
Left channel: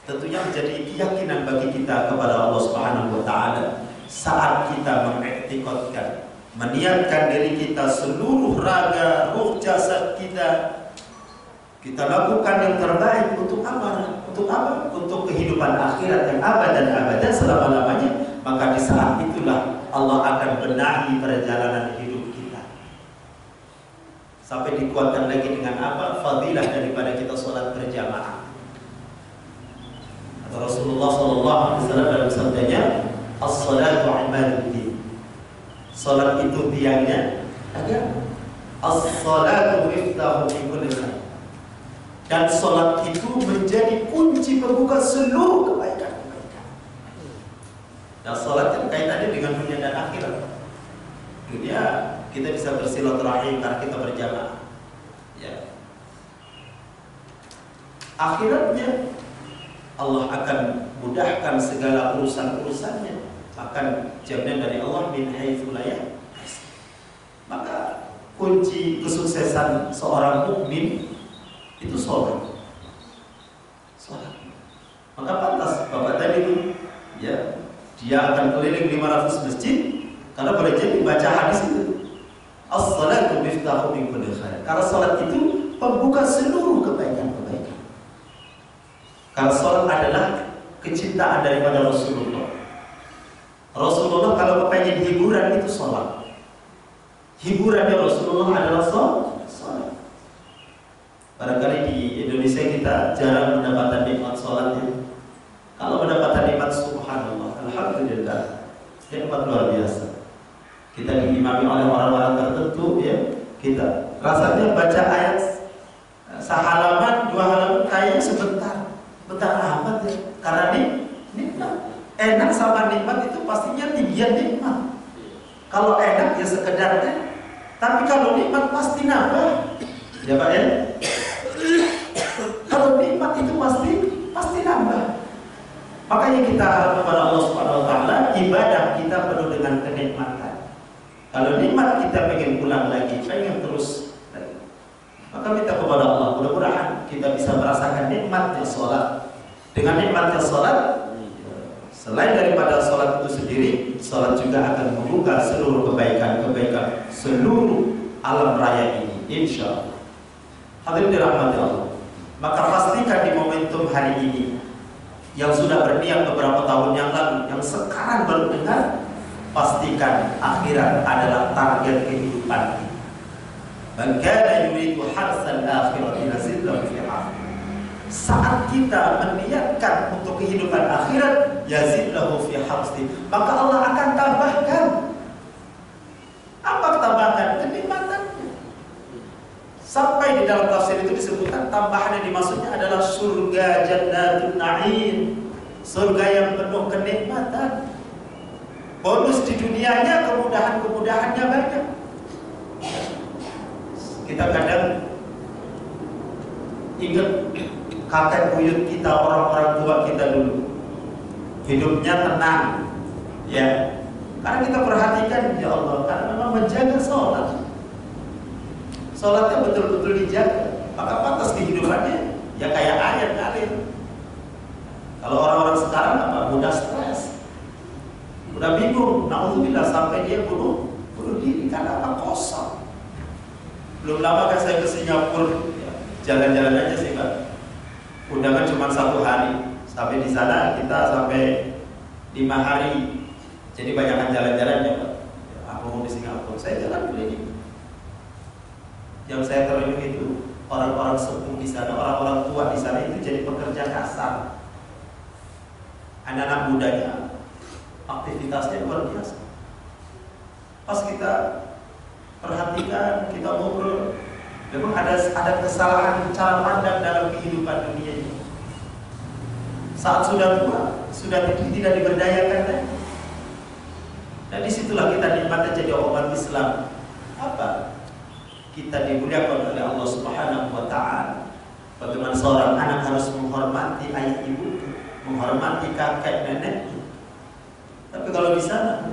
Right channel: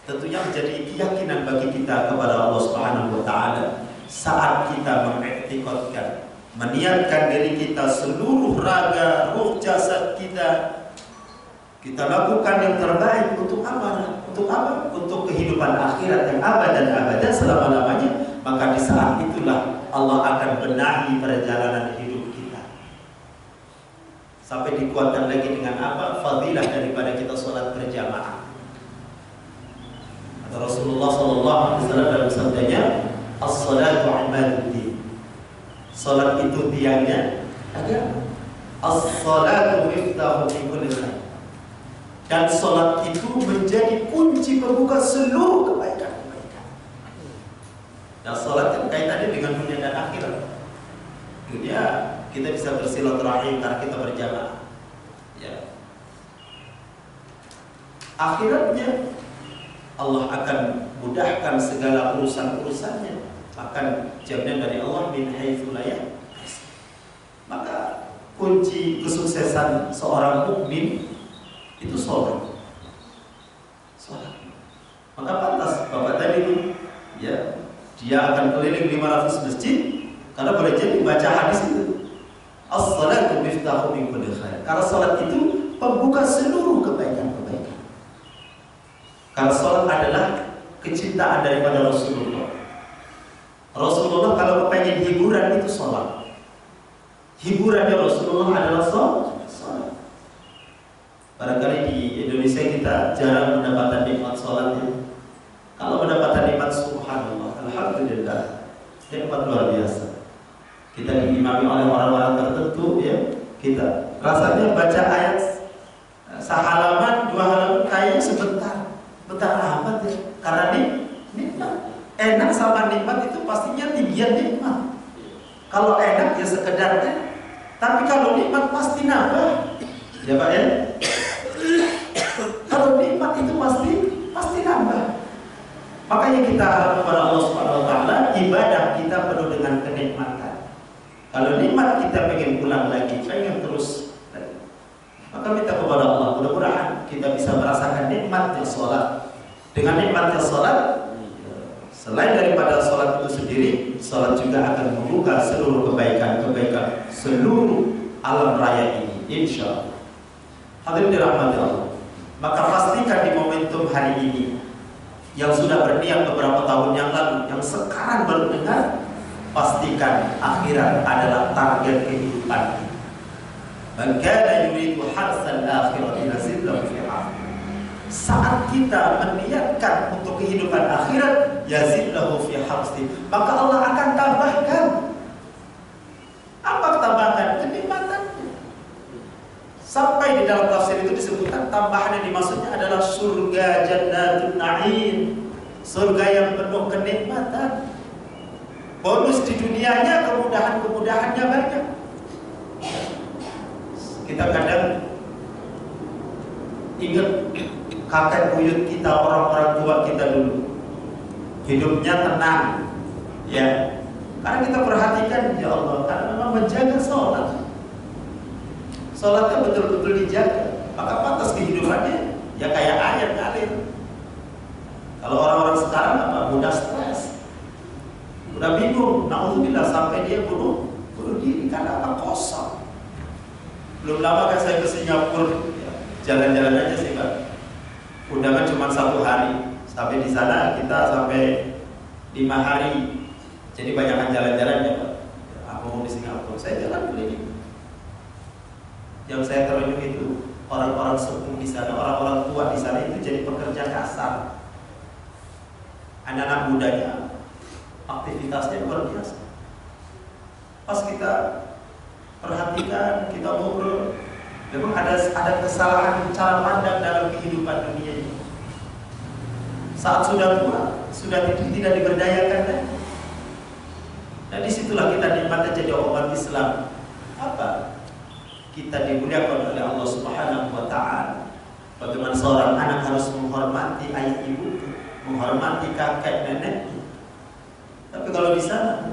tentunya menjadi keyakinan bagi kita kepada Allah Subhanahu wa Ta'ala saat kita mengiktikadkan, meniatkan diri kita seluruh raga, ruh, jasad kita lakukan yang terbaik untuk apa? Untuk apa? Untuk kehidupan akhirat yang abad dan abadan selama-lamanya. Maka di saat itulah Allah akan benahi perjalanan hidup kita. Sampai dikuatkan lagi dengan apa? Fadilah daripada kita sholat berjamaah. Atau Rasulullah SAW dalam sabdanya, as-salatu imaduddin. Salat itu tiangnya agama. As-salatu miftahu min kulli khair. Dan salat itu menjadi kunci pembuka seluruh kebaikan-kebaikan. Dan salat kan kaitannya dengan dunia dan akhirat. Dunia kita bisa bersilaturahim karena kita berjamaah. Ya. Akhiratnya Allah akan mudahkan segala urusan-urusannya. Akan jaminan dari Allah min haitsu la yahtasib. Maka kunci kesuksesan seorang mukmin itu sholat. Maka pantas Bapak tadi itu ya, dia akan keliling 500 masjid karena boleh jadi baca hadis itu. As-salatu miftahu min kulli khair. Karena salat itu pembuka seluruh kebaikan-kebaikan. Karena salat adalah kecintaan daripada Rasulullah. Rasulullah kalau kepengen hiburan itu sholat. Hiburannya Rasulullah adalah sholat. Barangkali di Indonesia kita jarang mendapatkan nikmat sholatnya. Kalau mendapatkan nikmat subhanallah, alhamdulillah, nikmat luar biasa. Kita diimami oleh orang-orang tertentu ya. Kita rasanya baca ayat sehalaman, 2 halaman kayaknya sebentar amat ya. Karena nikmat. Enak sama nikmat itu pastinya tinggian nikmat. Kalau enak ya sekedar tapi kalau nikmat pasti nambah. Ya Pak ya. Kalau nikmat itu pasti nambah. Makanya kita harap kepada Allah Subhanahu wa Ta'ala, ibadah kita penuh dengan kenikmatan. Kalau nikmat kita pengen pulang lagi, pengen terus lagi, maka minta kepada kita bisa merasakan nikmatnya sholat. Dengan nikmatnya sholat, selain daripada sholat itu sendiri, sholat juga akan membuka seluruh kebaikan-kebaikan seluruh alam raya ini, insya Allah. Hadirin dirahmati Allah. Maka pastikan di momentum hari ini, yang sudah berniat beberapa tahun yang lalu, yang sekarang baru dengar, pastikan akhirat adalah target kehidupan. Man kana yuridu harsal akhirati nazid lahu fi harth. Saat kita meniatkan untuk kehidupan akhirat, yazid lahu fi harthi, maka Allah akan tambahkan. Apa tambahkan? Kenikmatannya. Sampai di dalam tafsir itu disebutkan tambahan yang dimaksudnya adalah surga jannatun na'im, surga yang penuh kenikmatan. Bonus di dunianya, kemudahan-kemudahannya banyak. Kita kadang ingat kakek buyut kita, orang-orang tua kita dulu, hidupnya tenang, ya. Karena kita perhatikan, ya Allah, karena memang menjaga sholat. Sholatnya betul-betul dijaga, maka pantas kehidupannya ya kayak air ngalir. Kalau orang-orang sekarang apa? Mudah stres, mudah bingung, naudzubillah, sampai dia bunuh diri karena apa? Kosong. Belum lama kan saya ke Singapura, ya, jalan-jalan aja sih Pak. Undangan cuma 1 hari, sampai di sana kita sampai 5 hari. Jadi banyakkan jalan-jalannya Pak. Ya, aku mau di Singapura, saya jalan keliling. Yang saya terenyuh itu orang-orang sepuh di sana, orang-orang tua di sana itu jadi pekerja kasar. Anak-anak mudanya aktivitasnya luar biasa. Pas kita perhatikan, kita ngobrol, memang ada kesalahan cara pandang dalam kehidupan dunia ini. Saat sudah tua, sudah tidak diberdayakan lagi. Nah disitulah kita nikmatnya jadi umat Islam. Apa? Kita dimuliakan oleh Allah Subhanahu wa Ta'ala. Bagaimana seorang anak harus menghormati ayah ibu, menghormati kakek nenek. Tapi kalau di sana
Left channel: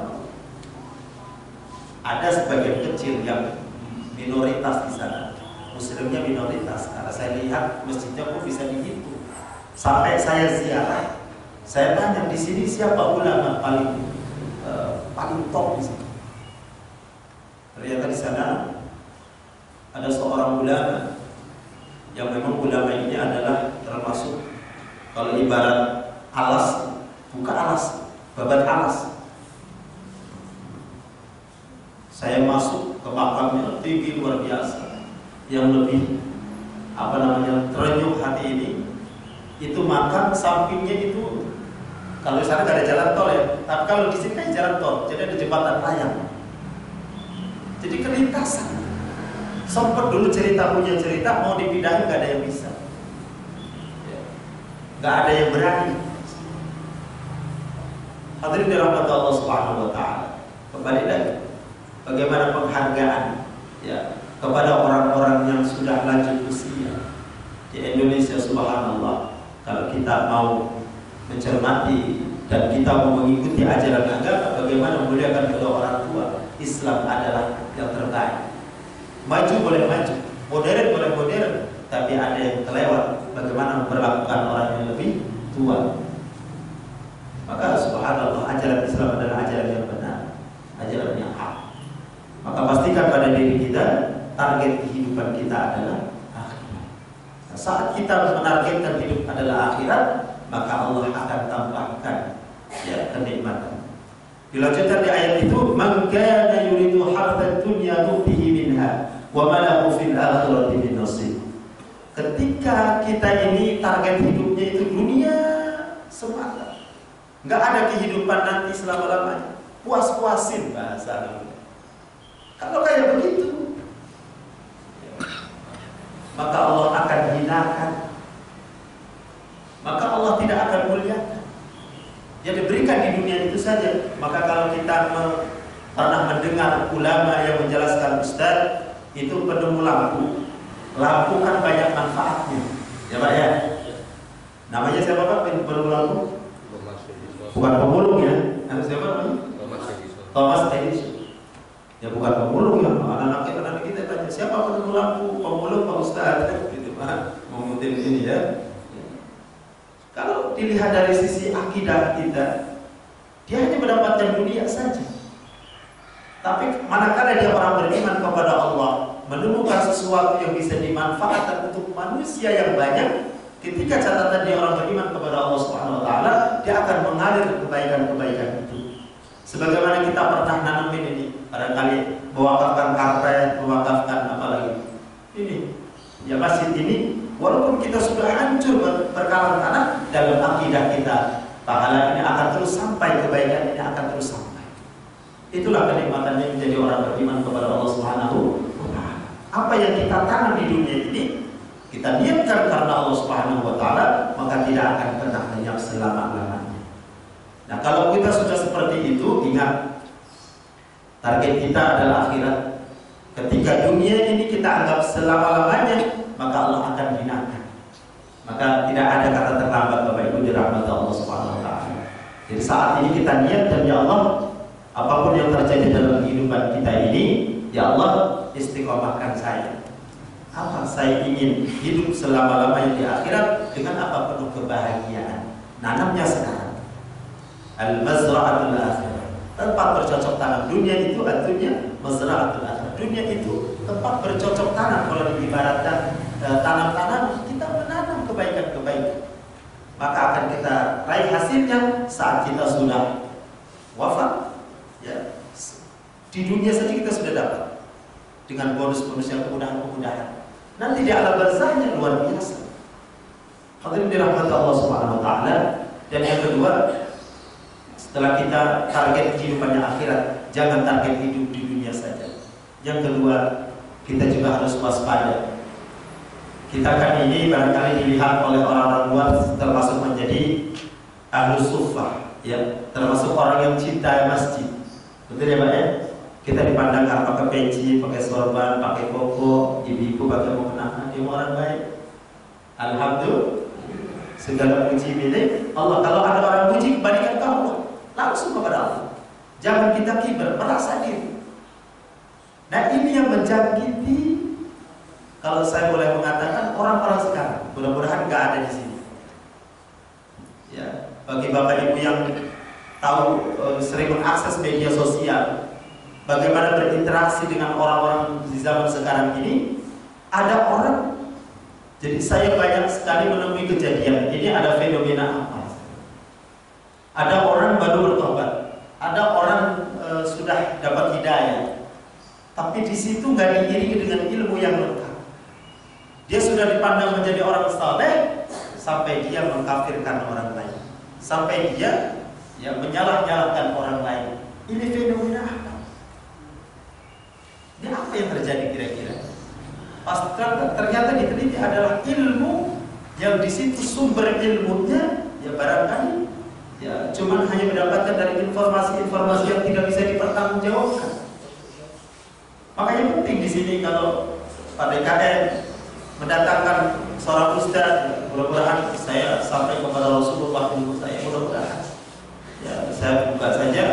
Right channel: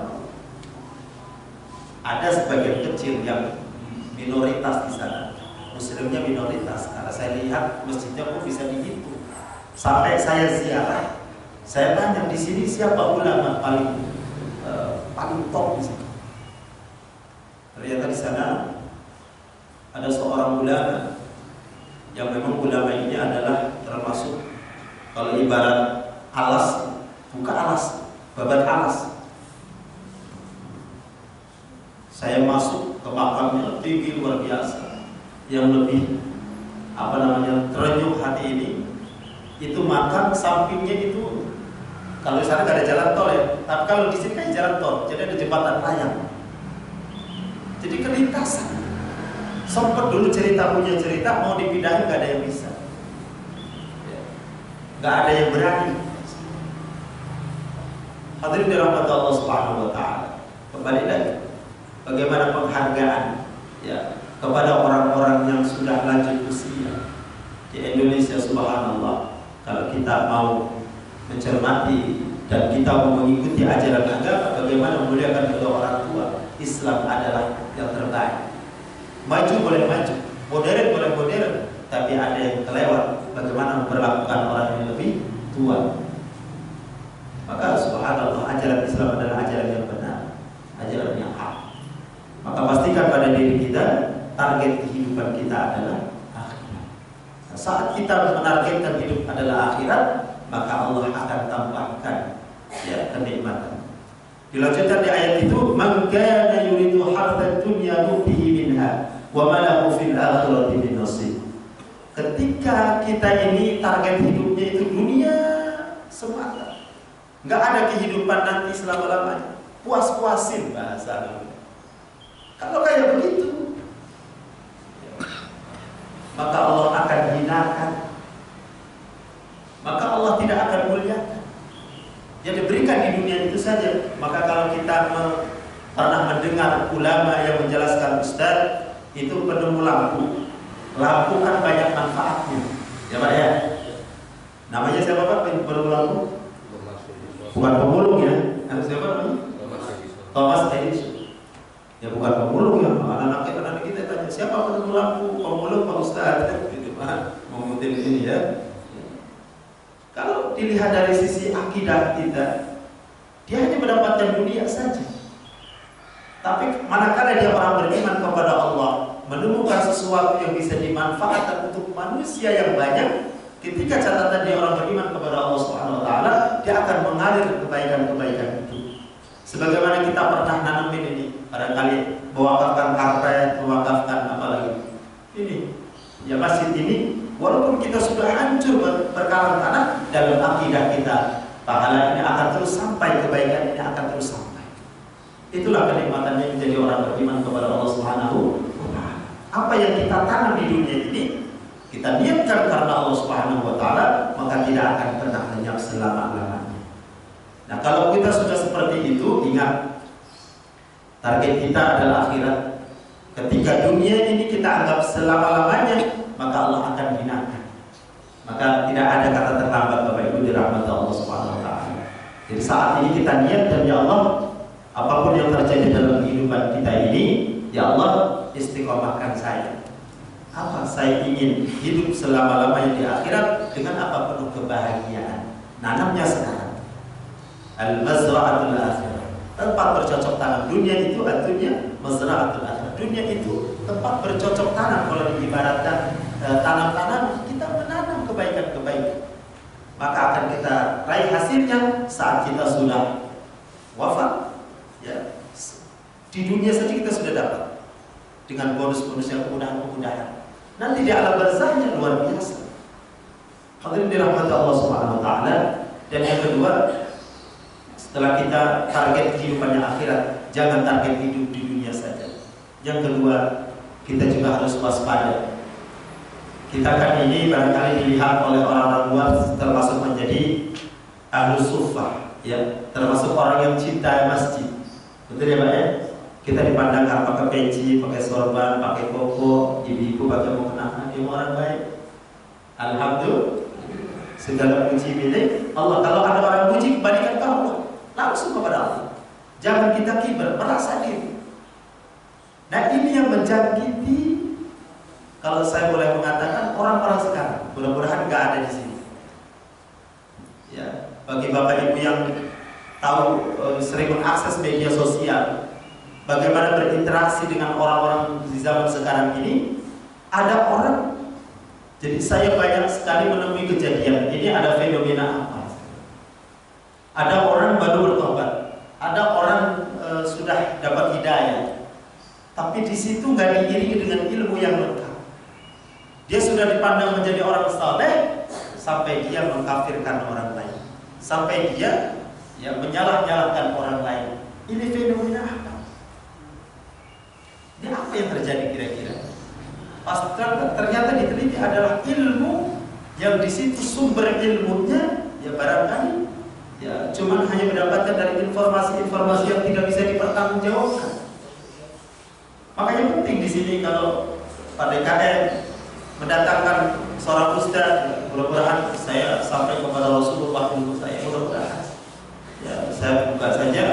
ada sebagian kecil yang minoritas di sana, muslimnya minoritas. Karena saya lihat masjidnya pun bisa dihitung. Sampai saya ziarah, saya tanya di sini siapa ulama paling top di sini. Ternyata di sana ada seorang ulama yang memang ulama ini adalah termasuk, kalau ibarat alas, buka alas, babat alas. Saya masuk ke makamnya, tinggi luar biasa. Yang lebih terenyuh hati ini, itu makam sampingnya itu, kalau di sana nggak ada jalan tol ya, tapi kalau di sini kan jalan tol, jadi ada jembatan layang. Jadi kelintasan. Sempat dulu punya cerita mau dipindahin, nggak ada yang bisa, nggak ada yang berani. Hadirin dirahmati Allah Subhanahu wa Ta'ala. Kembali lagi, bagaimana penghargaan ya kepada orang-orang yang sudah lanjut usia di Indonesia. Subhanallah, kalau kita mau mencermati dan kita mau mengikuti ajaran agama, bagaimana memuliakan kedua orang tua, Islam adalah yang terbaik. Maju boleh maju, modern boleh modern, tapi ada yang kelewat bagaimana memperlakukan orang yang lebih tua. Maka subhanallah, ajaran Islam adalah ajaran yang benar, ajaran yang hak. Maka pastikan pada diri kita, target kehidupan kita adalah akhirat. Nah, saat kita menargetkan hidup adalah akhirat, maka Allah akan tambahkan ya kenikmatan. Dilanjutkan di ayat itu, man kana yuridu harthad dunya nu'tihi minha wa ma lahu fil akhirati min nasib. Ketika kita ini target hidupnya itu dunia semata, nggak ada kehidupan nanti selama-lamanya, puas-puasin bahasa namanya. Kalau kayak begitu, maka Allah akan hinakan, maka Allah tidak akan muliakan. Yang diberikan di dunia itu saja. Maka kalau kita pernah mendengar ulama yang menjelaskan, Ustaz, itu penemu lampu. Lampu kan banyak manfaatnya, ya Pak ya. Namanya siapa Pak penemu lampu? Bukan pemulung ya. Siapa namanya? Thomas Edison. Ya bukan pemulung ya. Anak-anak kita tanya, siapa penemu lampu? Pemulung Pak Ustaz. Gitu Pak. Mau Mutin ini ya. Kalau dilihat dari sisi akidah kita, dia hanya mendapatkan dunia saja. Tapi manakala dia orang beriman kepada Allah, menemukan sesuatu yang bisa dimanfaatkan untuk manusia yang banyak, ketika catatan dia orang beriman kepada Allah Subhanahu wa taala, dia akan mengalir kebaikan-kebaikan itu. Sebagaimana kita pernah nanamin ini, barangkali mewakafkan karpet, mewakafkan apalagi. Ini ya masjid ini, walaupun kita sudah hancur berkalang tanah, dalam akidah kita pahala ini akan terus sampai, kebaikan ini akan terus sampai. Itulah kenikmatannya menjadi orang beriman kepada Allah Subhanahu wa taala. Apa yang kita tanam di dunia ini, kita niatkan karena Allah Subhanahu wa taala, maka tidak akan pernah lenyap selama-lamanya. Nah, kalau kita sudah seperti itu, ingat target kita adalah akhirat. Ketika dunia ini kita anggap selama-lamanya, maka Allah akan hinakan. Maka tidak ada kata terlambat Bapak Ibu di rahmat Allah Subhanahu wa taala. Jadi saat ini kita niatkan, ya Allah, apapun yang terjadi dalam kehidupan kita ini, ya Allah, istiqomahkan saya. Apa? Saya ingin hidup selama-lamanya di akhirat dengan apa? Penuh kebahagiaan. Nanamnya sekarang. Al-mazra'atul akhirah. Tempat bercocok tanam. Dunia itu artinya mazra'atul akhirah. Dunia itu tempat bercocok tanam. Kalau diibaratkan tanam-tanam, kita menanam kebaikan-kebaikan. Maka akan kita raih hasilnya saat kita sudah wafat. Ya, di dunia saja kita sudah dapat dengan bonus-bonus yang kemudahan-kemudahan. Nanti di alam barzahnya luar biasa. Hadirin dirahmati Allah Subhanahu wa taala. Dan yang kedua, setelah kita target kehidupannya akhirat, jangan target hidup di dunia saja. Yang kedua, kita juga harus waspada. Kita kan ini barangkali dilihat oleh orang-orang luar termasuk menjadi ahlus suffah, ya, termasuk orang yang cinta masjid. Betul ya Pak ya? Kita dipandang karena pakai peci, pakai sorban, pakai koko, ibu-ibu pakai mukena, dia orang baik. Alhamdulillah, segala puji milik Allah. Kalau ada orang puji, kembalikan ke Allah, langsung kepada Allah. Jangan kita kibar, merasa diri. Nah, ini yang menjangkiti, kalau saya boleh mengatakan, orang-orang sekarang. Mudah-mudahan nggak ada di sini. Ya, bagi Bapak Ibu yang tahu sering mengakses media sosial, bagaimana berinteraksi dengan orang-orang di zaman sekarang ini, ada orang, jadi saya banyak sekali menemui kejadian ini. Ada fenomena apa? Ada orang baru bertobat, ada orang sudah dapat hidayah, tapi di situ nggak diiringi dengan ilmu yang lengkap. Dia sudah dipandang menjadi orang saleh, sampai dia mengkafirkan orang lain, sampai dia menyalah-nyalahkan orang lain. Ini fenomena apa? Ini apa yang terjadi kira-kira? Pas ternyata diteliti adalah ilmu yang di situ sumber ilmunya ya barangkali ya cuman hanya mendapatkan dari informasi-informasi yang tidak bisa dipertanggungjawabkan. Makanya penting di sini kalau Pak DKM mendatangkan seorang ustaz, mudah-mudahan saya sampai kepada Rasulullah dulu, saya mudah-mudahan. Ya, saya buka saja.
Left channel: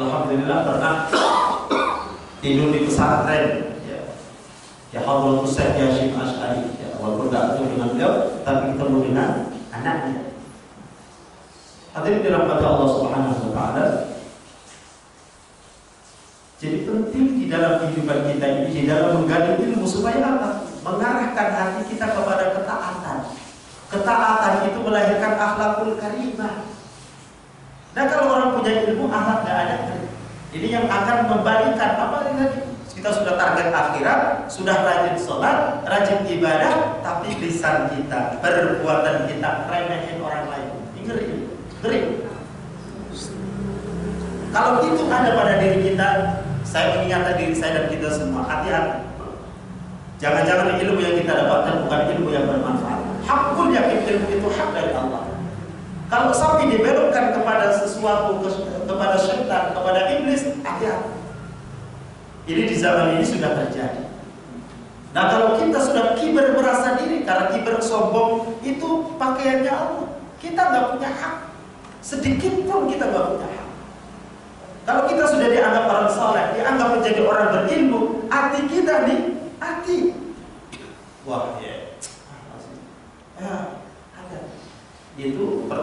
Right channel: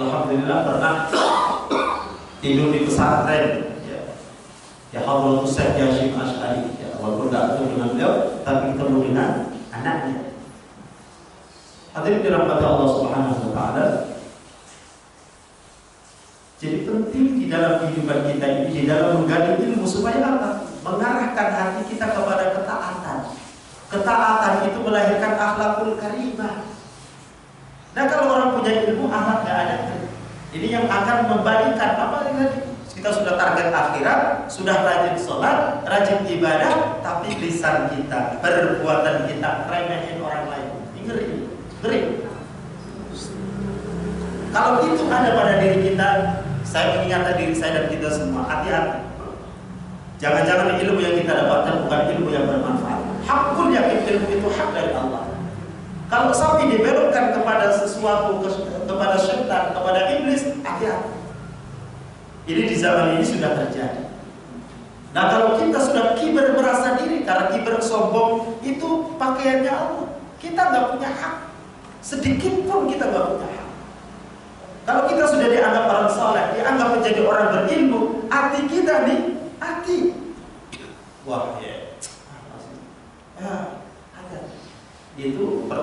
Alhamdulillah pernah tidur di pesantren. Ya Hadratus Syekh Hasyim Asy'ari. Ya, walaupun tidak ketemu dengan beliau, tapi ketemu dengan anaknya. Hadirin dirahmati Allah Subhanahu wa taala. Jadi penting di dalam kehidupan kita ini, di dalam menggali ilmu supaya apa? Mengarahkan hati kita kepada ketaatan. Ketaatan itu melahirkan akhlakul karimah. Nah, kalau orang punya ilmu, akhlak nggak ada. Ini yang akan membalikan apa tadi? Kita sudah target akhirat, sudah rajin sholat, rajin ibadah, tapi lisan kita, perbuatan kita remehin orang lain. Ngeri. Kalau itu ada pada diri kita, saya mengingatkan diri saya dan kita semua, hati-hati. Jangan-jangan ilmu yang kita dapatkan bukan ilmu yang bermanfaat. Hakul yakin ilmu itu hak dari Allah. Kalau sampai dibelokkan kepada sesuatu, kepada syaitan, kepada iblis, hati-hati. Ini di zaman ini sudah terjadi. Nah, kalau kita sudah kibar merasa diri, karena kibar sombong itu pakaiannya Allah. Kita nggak punya hak. Sedikit pun kita nggak punya hak. Kalau kita sudah dianggap orang saleh, dianggap menjadi orang berilmu, hati kita nih, hati. Wah ya,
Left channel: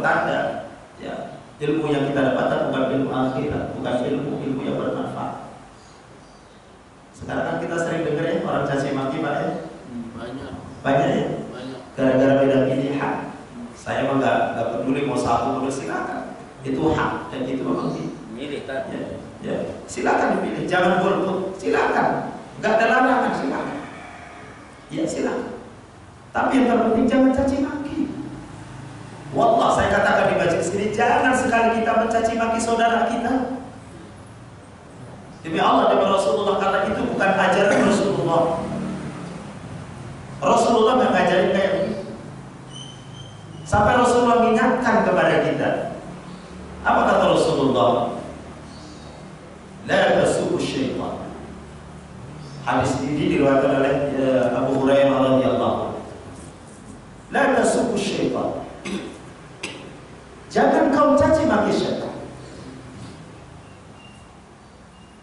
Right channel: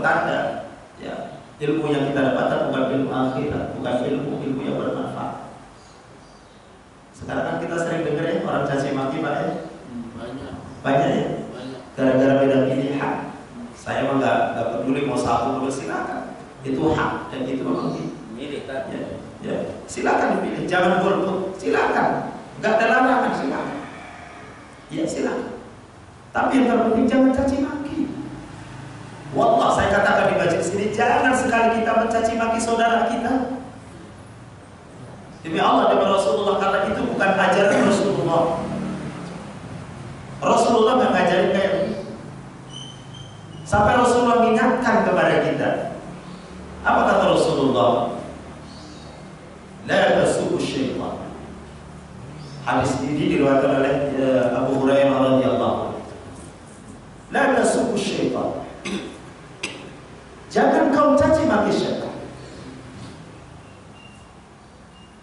pertanda ya ilmu yang kita dapatkan bukan ilmu akhirat, bukan ilmu yang bermanfaat. Sekarang kan kita sering dengar ya orang caci maki Pak ya. Banyak ya. Gara-gara beda pilihan. Saya mah nggak peduli mau satu atau silakan. Itu hak dan itu memang Milih kan? ya, silakan dipilih, jangan golput, silakan. Nggak ada larangan, silakan. Ya silakan. Tapi yang terpenting jangan caci maki. Wallah saya katakan di majelis ini, jangan sekali kita mencaci maki saudara kita. Demi Allah, demi Rasulullah, karena itu bukan ajaran Rasulullah. Rasulullah nggak ngajarin kayak begitu. Sampai Rasulullah mengingatkan kepada kita. Apa kata Rasulullah? La tasubbu syaitan. Hadis ini diriwayatkan oleh Abu Hurairah radhiyallahu anhu. La tasubbu syaitan. Jangan kau caci maki syaitan.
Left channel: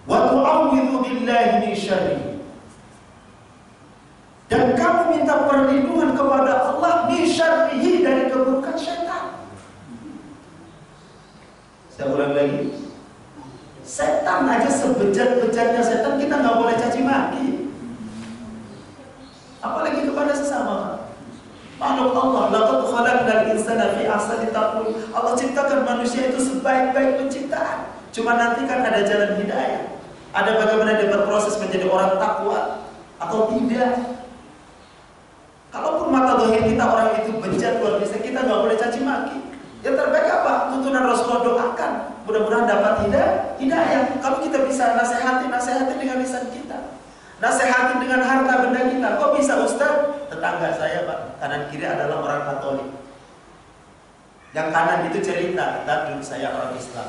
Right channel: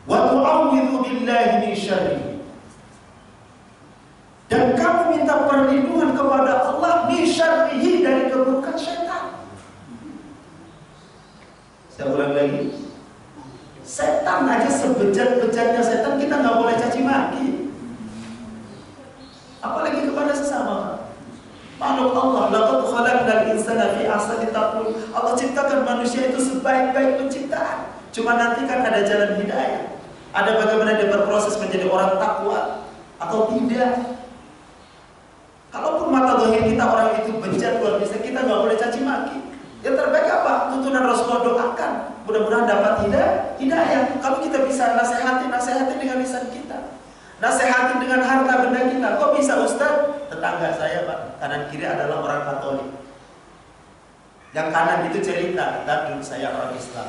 Wa tu'awwidhu billahi min syarrihi. Dan kamu minta perlindungan kepada Allah min syarrihi, dari keburukan syaitan. Saya ulang lagi. Setan aja sebejat-bejatnya setan kita nggak boleh caci maki. Apalagi kepada sesama. Makhluk Allah, laqad khalaqnal insana fi ahsani taqwim. Allah ciptakan manusia itu sebaik-baik penciptaan. Cuma nanti kan ada jalan hidayah. Ada bagaimana dia berproses menjadi orang takwa atau tidak. Kalaupun mata zahir kita orang itu bejat luar biasa, kita nggak boleh caci maki. Yang terbaik apa? Tuntunan Rasulullah, doakan. Mudah-mudahan dapat hidayah. Kalau kita bisa nasihati dengan lisan kita. Nasihati dengan harta benda kita. Kok bisa Ustaz? Tetangga saya Pak, kanan kiri adalah orang Katolik. Yang kanan itu cerita, dulu saya orang Islam.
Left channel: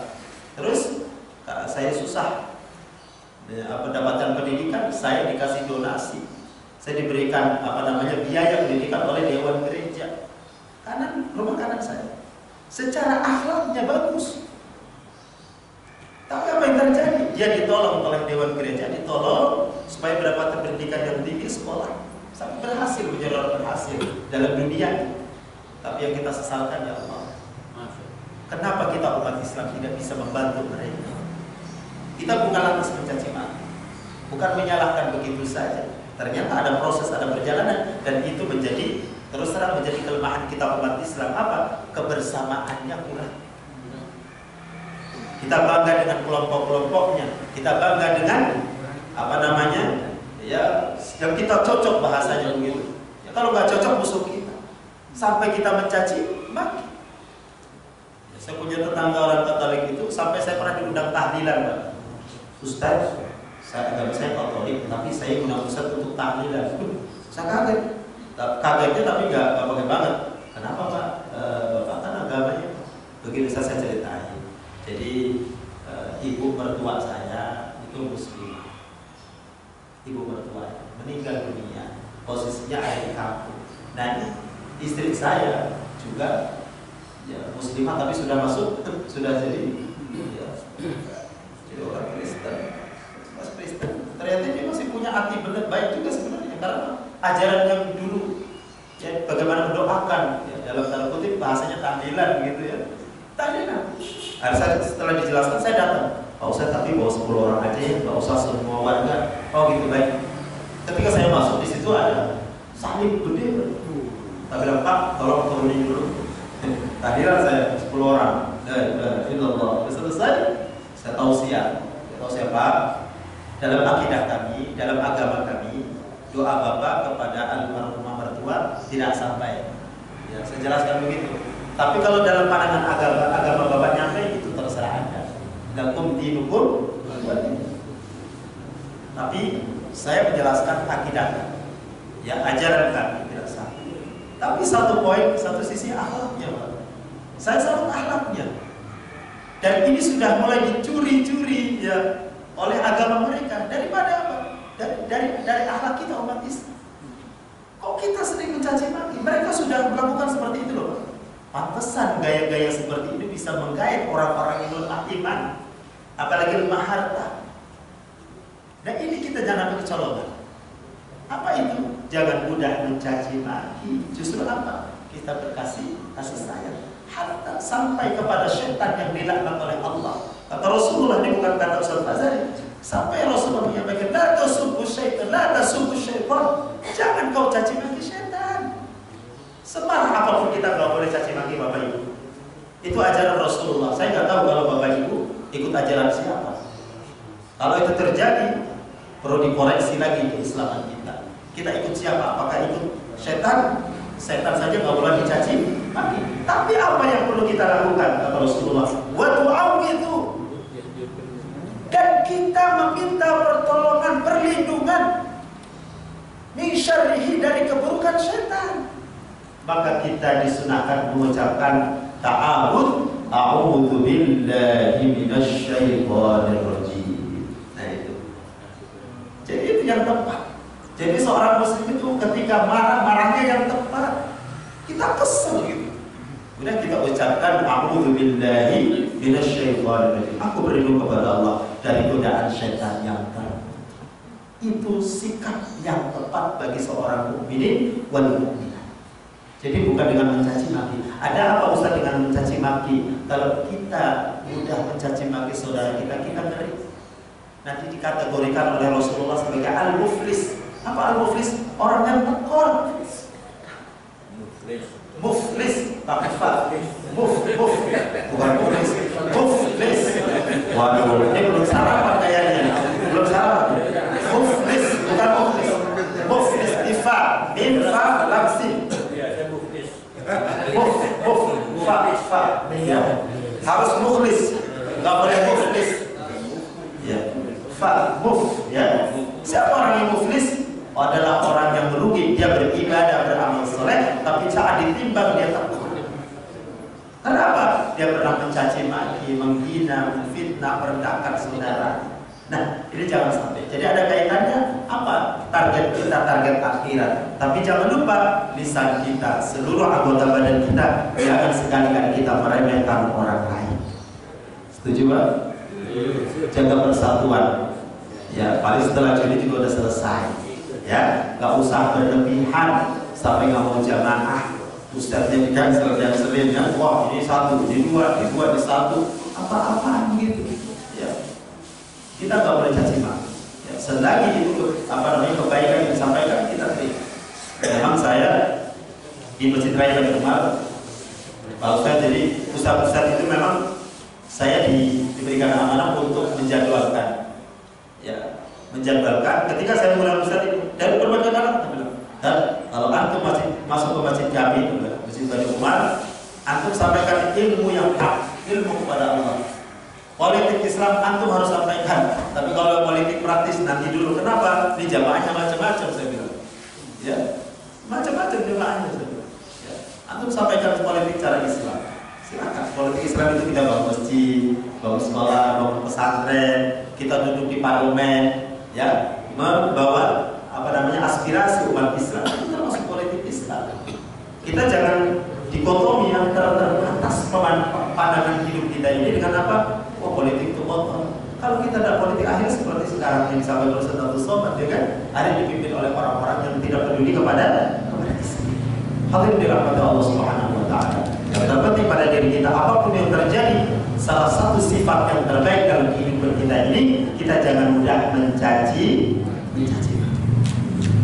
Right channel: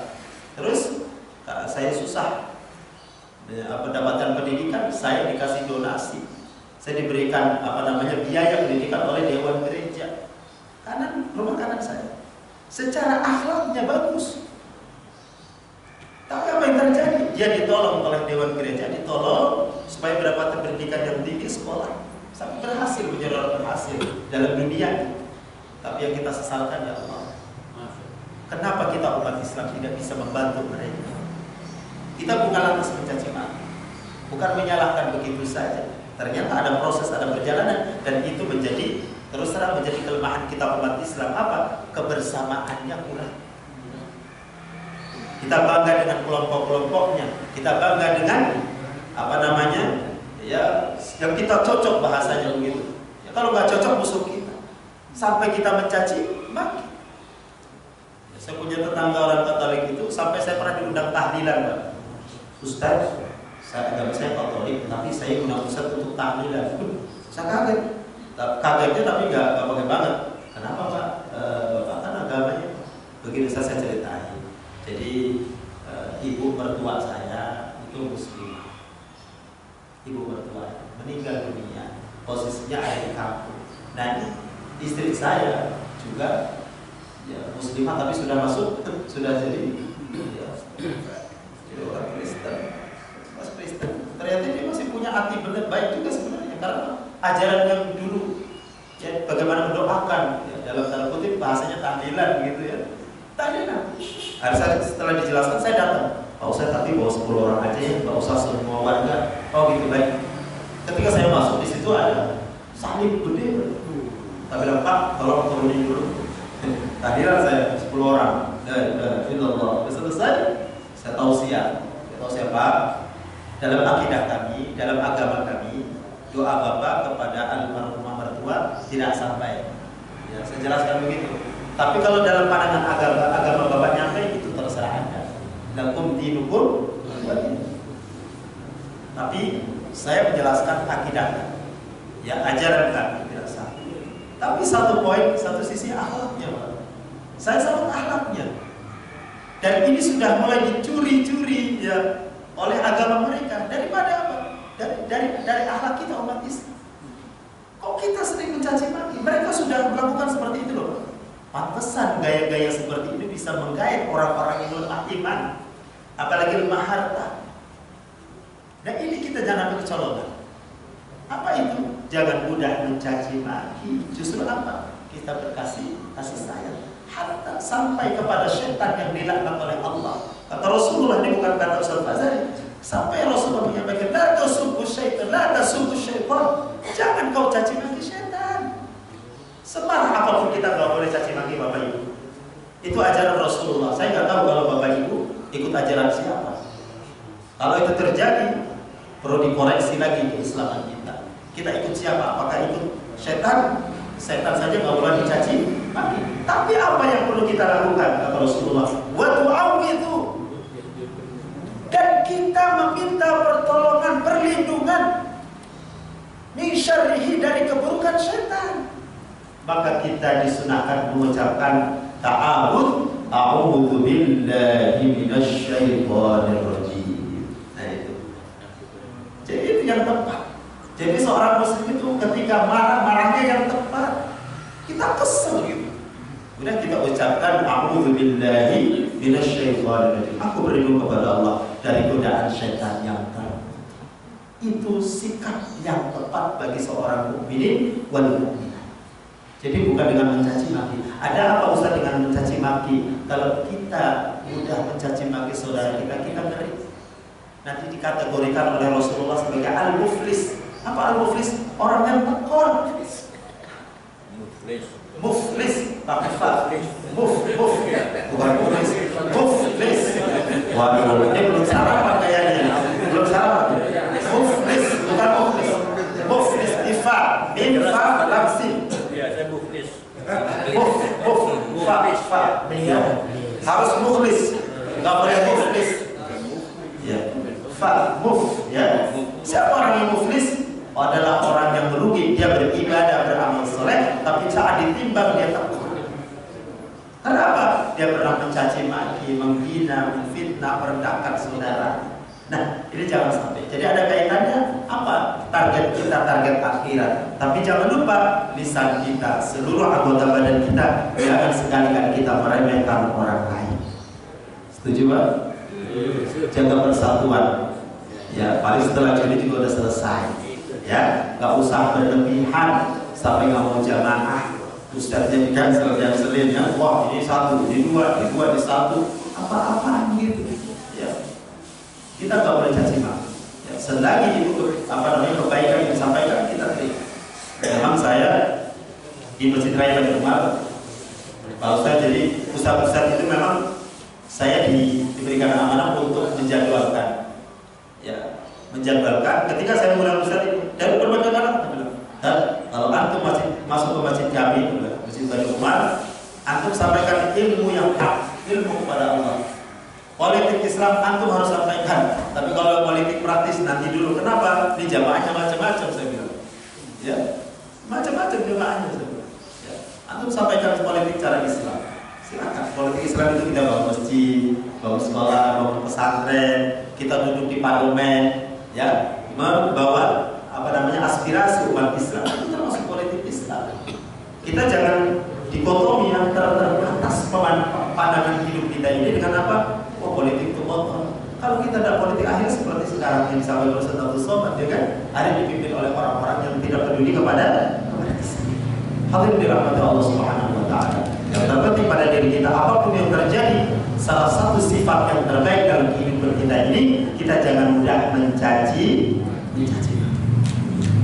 Terus saya susah mendapatkan pendidikan, saya dikasih donasi. Saya diberikan biaya pendidikan oleh Dewan Gereja. Rumah kanan saya. Secara akhlaknya bagus. Tapi apa yang terjadi? Dia ditolong oleh Dewan Gereja, ditolong supaya mendapatkan pendidikan yang tinggi, sekolah, sampai berhasil, menjadi orang berhasil dalam dunia. Tapi yang kita sesalkan, ya Allah, kenapa kita umat Islam tidak bisa membantu mereka? Kita bukan lantas mencaci maki, bukan menyalahkan begitu saja. Ternyata ada proses, ada perjalanan, dan itu menjadi terus terang menjadi kelemahan kita umat Islam. Apa? Kebersamaannya kurang. Kita bangga dengan kelompok-kelompoknya, kita bangga dengan ya yang kita cocok bahasanya begitu. Ya, kalau nggak cocok musuh kita, sampai kita mencaci maki. Ya, saya punya tetangga orang Katolik itu, sampai saya pernah diundang tahlilan, Pak. Ustaz, agama saya Katolik, tapi saya undang Ustaz untuk tahlilan. Saya kaget. Kagetnya tapi nggak pakai banget. Kenapa Pak? Bapak kan agamanya begini. Saya ceritain. Jadi ibu mertua saya itu muslimah. Ibu mertua meninggal dunia, posisinya ada di kampung. Nah, istri saya juga ya muslimah tapi sudah masuk, sudah jadi orang Kristen. Mas Kristen. Ternyata dia masih punya hati benar baik juga sebenarnya, karena ajaran yang dulu ya, bagaimana mendoakan ya, dalam tanda kutip bahasanya tahlilan gitu ya. Tahlilan. Harusnya setelah dijelaskan saya datang. Pak Ustaz, tapi bawa 10 orang aja ya, nggak usah semua warga. Oh gitu, baik. Ketika saya masuk di situ ada salib gede. Saya bilang, Pak, tolong turunin dulu. Tahlilan saya 10 orang. Insyaallah. Selesai. Saya tausiah. Pak, dalam akidah kami, dalam agama kami, doa Bapak kepada almarhumah mertua tidak sampai. Ya, saya jelaskan begitu. Tapi kalau dalam pandangan agama Bapak nyampe, itu terserah Anda. Lakum dinukum. Tapi saya menjelaskan akidah, ya ajaran kami tidak sah. Tapi satu poin, satu sisi akhlaknya, Pak. Saya salut akhlaknya. Dan ini sudah mulai dicuri-curi ya oleh agama mereka. Daripada apa? Dari akhlak kita umat Islam. Kok kita sering mencaci maki? Mereka sudah melakukan seperti itu loh. Pantesan gaya-gaya seperti ini bisa menggait orang-orang yang lemah iman, apalagi lemah harta. Dan ini kita jangan ambil kecolongan. Apa itu? Jangan mudah mencaci maki. Justru apa? Kita berkasih sayang. hatta sampai kepada syaitan yang dilaknat oleh Allah. Kata Rasulullah, ini bukan kata Ustaz Fazali, sampai Rasulullah menyampaikan, la tasubbu syaitan, la tasubbu syaitan, jangan kau caci maki syaitan. Semarah apapun kita nggak boleh caci maki Bapak Ibu. Itu ajaran Rasulullah. Saya nggak tahu kalau Bapak Ibu ikut ajaran siapa. Kalau itu terjadi, perlu dikoreksi lagi keislaman kita. Kita ikut siapa? Apakah ikut syaitan? Setan saja nggak boleh dicaci maki. Tapi apa yang perlu kita lakukan? Kata Rasulullah, wa tu'awwidhu, dan kita meminta pertolongan, perlindungan min syarrihi, dari keburukan syaitan. Maka kita disunahkan mengucapkan ta'awudz, a'udzu billahi minasyaitonir rajim. Nah itu. Jadi itu yang tepat. Jadi seorang muslim itu ketika marah-marahnya yang tepat. Kita kesel gitu. Kemudian kita ucapkan a'udzu billahi minasyaitonir rajim. Aku berlindung kepada Allah dari godaan syaitan yang terkutuk. Itu sikap yang tepat bagi seorang mukminin wal mukminah. Jadi bukan dengan mencaci maki. Ada apa Ustaz dengan mencaci maki? Kalau kita mudah mencaci maki saudara kita, kita ngeri. Nanti dikategorikan oleh Rasulullah sebagai al-muflis. Apa al-muflis? Orang yang tekor. Muflis, pakai fa. Bukan muflis. Muflis. Waduh, ini belum sarapan kayaknya. Belum sarapan. Muflis, bukan muflis. Muflis ifa, infa lamsin. Fa. Ya. Harus mukhlis. Enggak boleh muflis. Ya. Fa, muf, ya. Siapa orang yang muflis? Adalah orang yang merugi. Dia beribadah, beramal soleh, tapi saat ditimbang dia takut. Kenapa? Dia pernah mencaci maki, menghina, memfitnah, merendahkan saudara. Nah, ini jangan sampai. Jadi ada kaitannya apa? Target kita, target akhirat. Tapi jangan lupa lisan kita, seluruh anggota badan kita, jangan sekali-kali kita meremehkan orang lain. Setuju Pak? Jaga persatuan. Ya, paling setelah Juni juga udah selesai. Ya, nggak usah berlebihan sampai nggak mau jamaah. Ustaznya di cancel yang selinnya, wah ini satu, ini dua, ini satu, apa-apaan gitu. Ya, kita nggak boleh caci maki. Ya, selagi itu kebaikan yang disampaikan kita terima. Memang saya di Masjid Raya Bani Umar, kalau saya jadi pusat-pusat itu memang saya diberikan amanah untuk menjadwalkan. Ya, menjadwalkan. Ketika saya mulai pusat itu dari berbagai kalangan, kalau antum masuk ke masjid kami, Masjid Bani Umar, antum sampaikan ilmu yang hak, ilmu kepada Allah. Politik Islam antum harus sampaikan, tapi kalau politik praktis nanti dulu. Kenapa? Ini jamaahnya macam-macam saya bilang. Ya, macam-macam jamaahnya saya bilang. Ya, antum sampaikan politik cara Islam. Silakan. Politik Islam itu kita bangun masjid, bangun sekolah, bangun pesantren, kita duduk di parlemen, ya, membawa aspirasi umat Islam. Itu termasuk politik Islam. Kita jangan dikotomi yang teratas pandangan hidup kita ini dengan apa? Oh, politik itu kotor. Kalau kita ada politik akhir seperti sekarang yang disampaikan oleh Ustaz Abdul Somad, ya kan? Ada dipimpin oleh orang-orang yang tidak peduli kepada Islam. Hal ini dirahmati Allah Subhanahu Wa Taala. Yang terpenting pada diri kita, apapun yang terjadi, salah satu sifat yang terbaik dalam kehidupan kita ini, kita jangan mudah mencaci.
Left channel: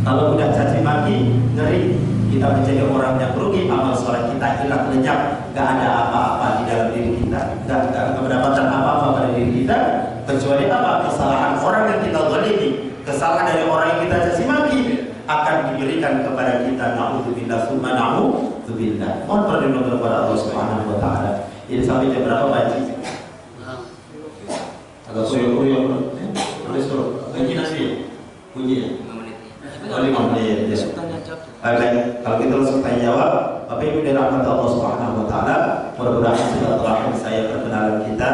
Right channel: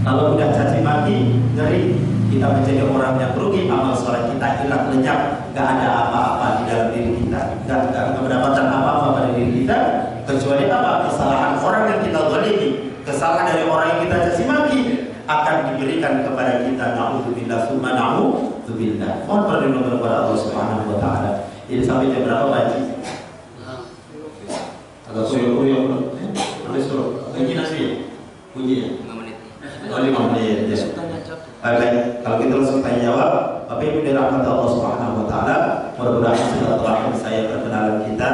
Kalau udah caci maki, ngeri. Kita menjadi orang yang rugi, amal soleh kita hilang lenyap, gak ada apa-apa di dalam diri kita, gak mendapatkan apa-apa pada diri kita, kecuali apa? Kesalahan orang yang kita zalimi, kesalahan dari orang yang kita caci maki akan diberikan kepada kita. Na'udzubillah, summa na'udzubillah. Mohon perlindungan kepada Allah Subhanahu Wa Taala. Ini sampai jam berapa Pak Haji? Agak kuyuk-kuyuk. Boleh suruh. Kunci nasi. Kunci ya? 5 menit. Ya. Baik, kalau kita langsung tanya jawab. Bapak Ibu dirahmati Allah Subhanahu Wa Taala, mudah-mudahan setelah saya perkenalan kita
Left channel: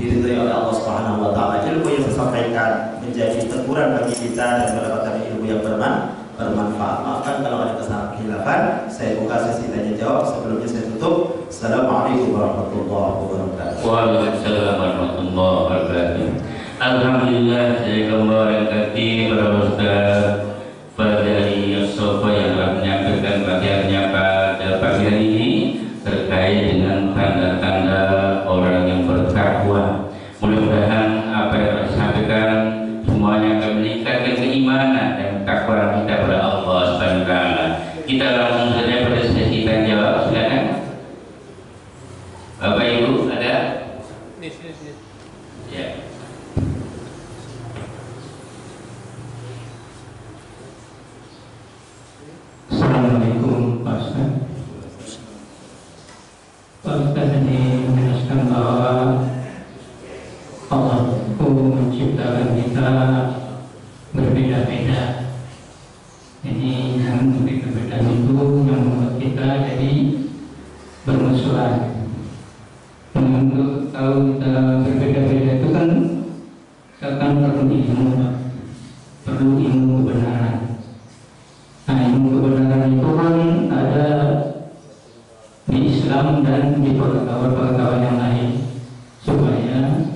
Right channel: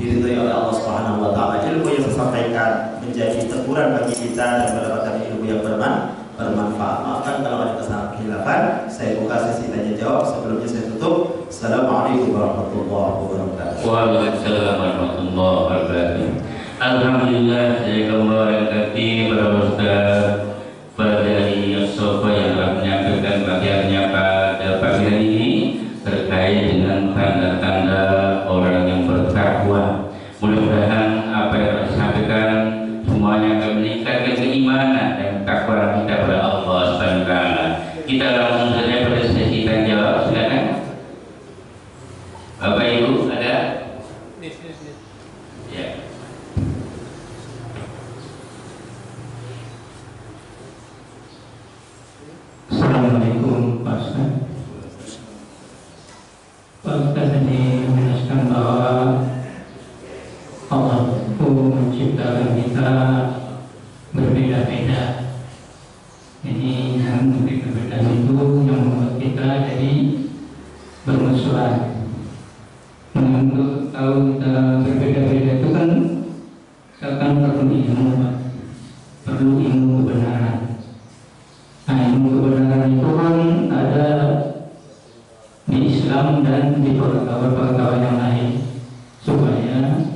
diridhoi oleh Allah Subhanahu Wa Taala. Ilmu yang saya sampaikan menjadi teguran bagi kita dan mendapatkan ilmu yang bermanfaat. Maafkan kalau ada kesalahan khilafan. Saya buka sesi tanya jawab. Sebelumnya saya tutup. Assalamualaikum warahmatullahi wabarakatuh. Waalaikumsalam warahmatullahi wabarakatuh. Alhamdulillah, saya kembali lagi para ustaz Fadli Sofa yang telah menyampaikan bagiannya pada pagi hari ini terkait dengan kita langsung saja pada sesi tanya jawab, silakan. Bapak Ibu ada? Ya. Assalamualaikum Pak Ustaz. Pak Ustaz ini menjelaskan bahwa Allah itu menciptakan kita berbeda-beda. Jadi yang berbeda-beda itu yang membuat kita jadi bermusuhan. Untuk tahu kita berbeda-beda itu kan kita kan perlu ilmu, Pak. Perlu ilmu kebenaran. Nah, ilmu kebenaran itu kan ada di Islam dan di pengetahuan-pengetahuan yang lain, supaya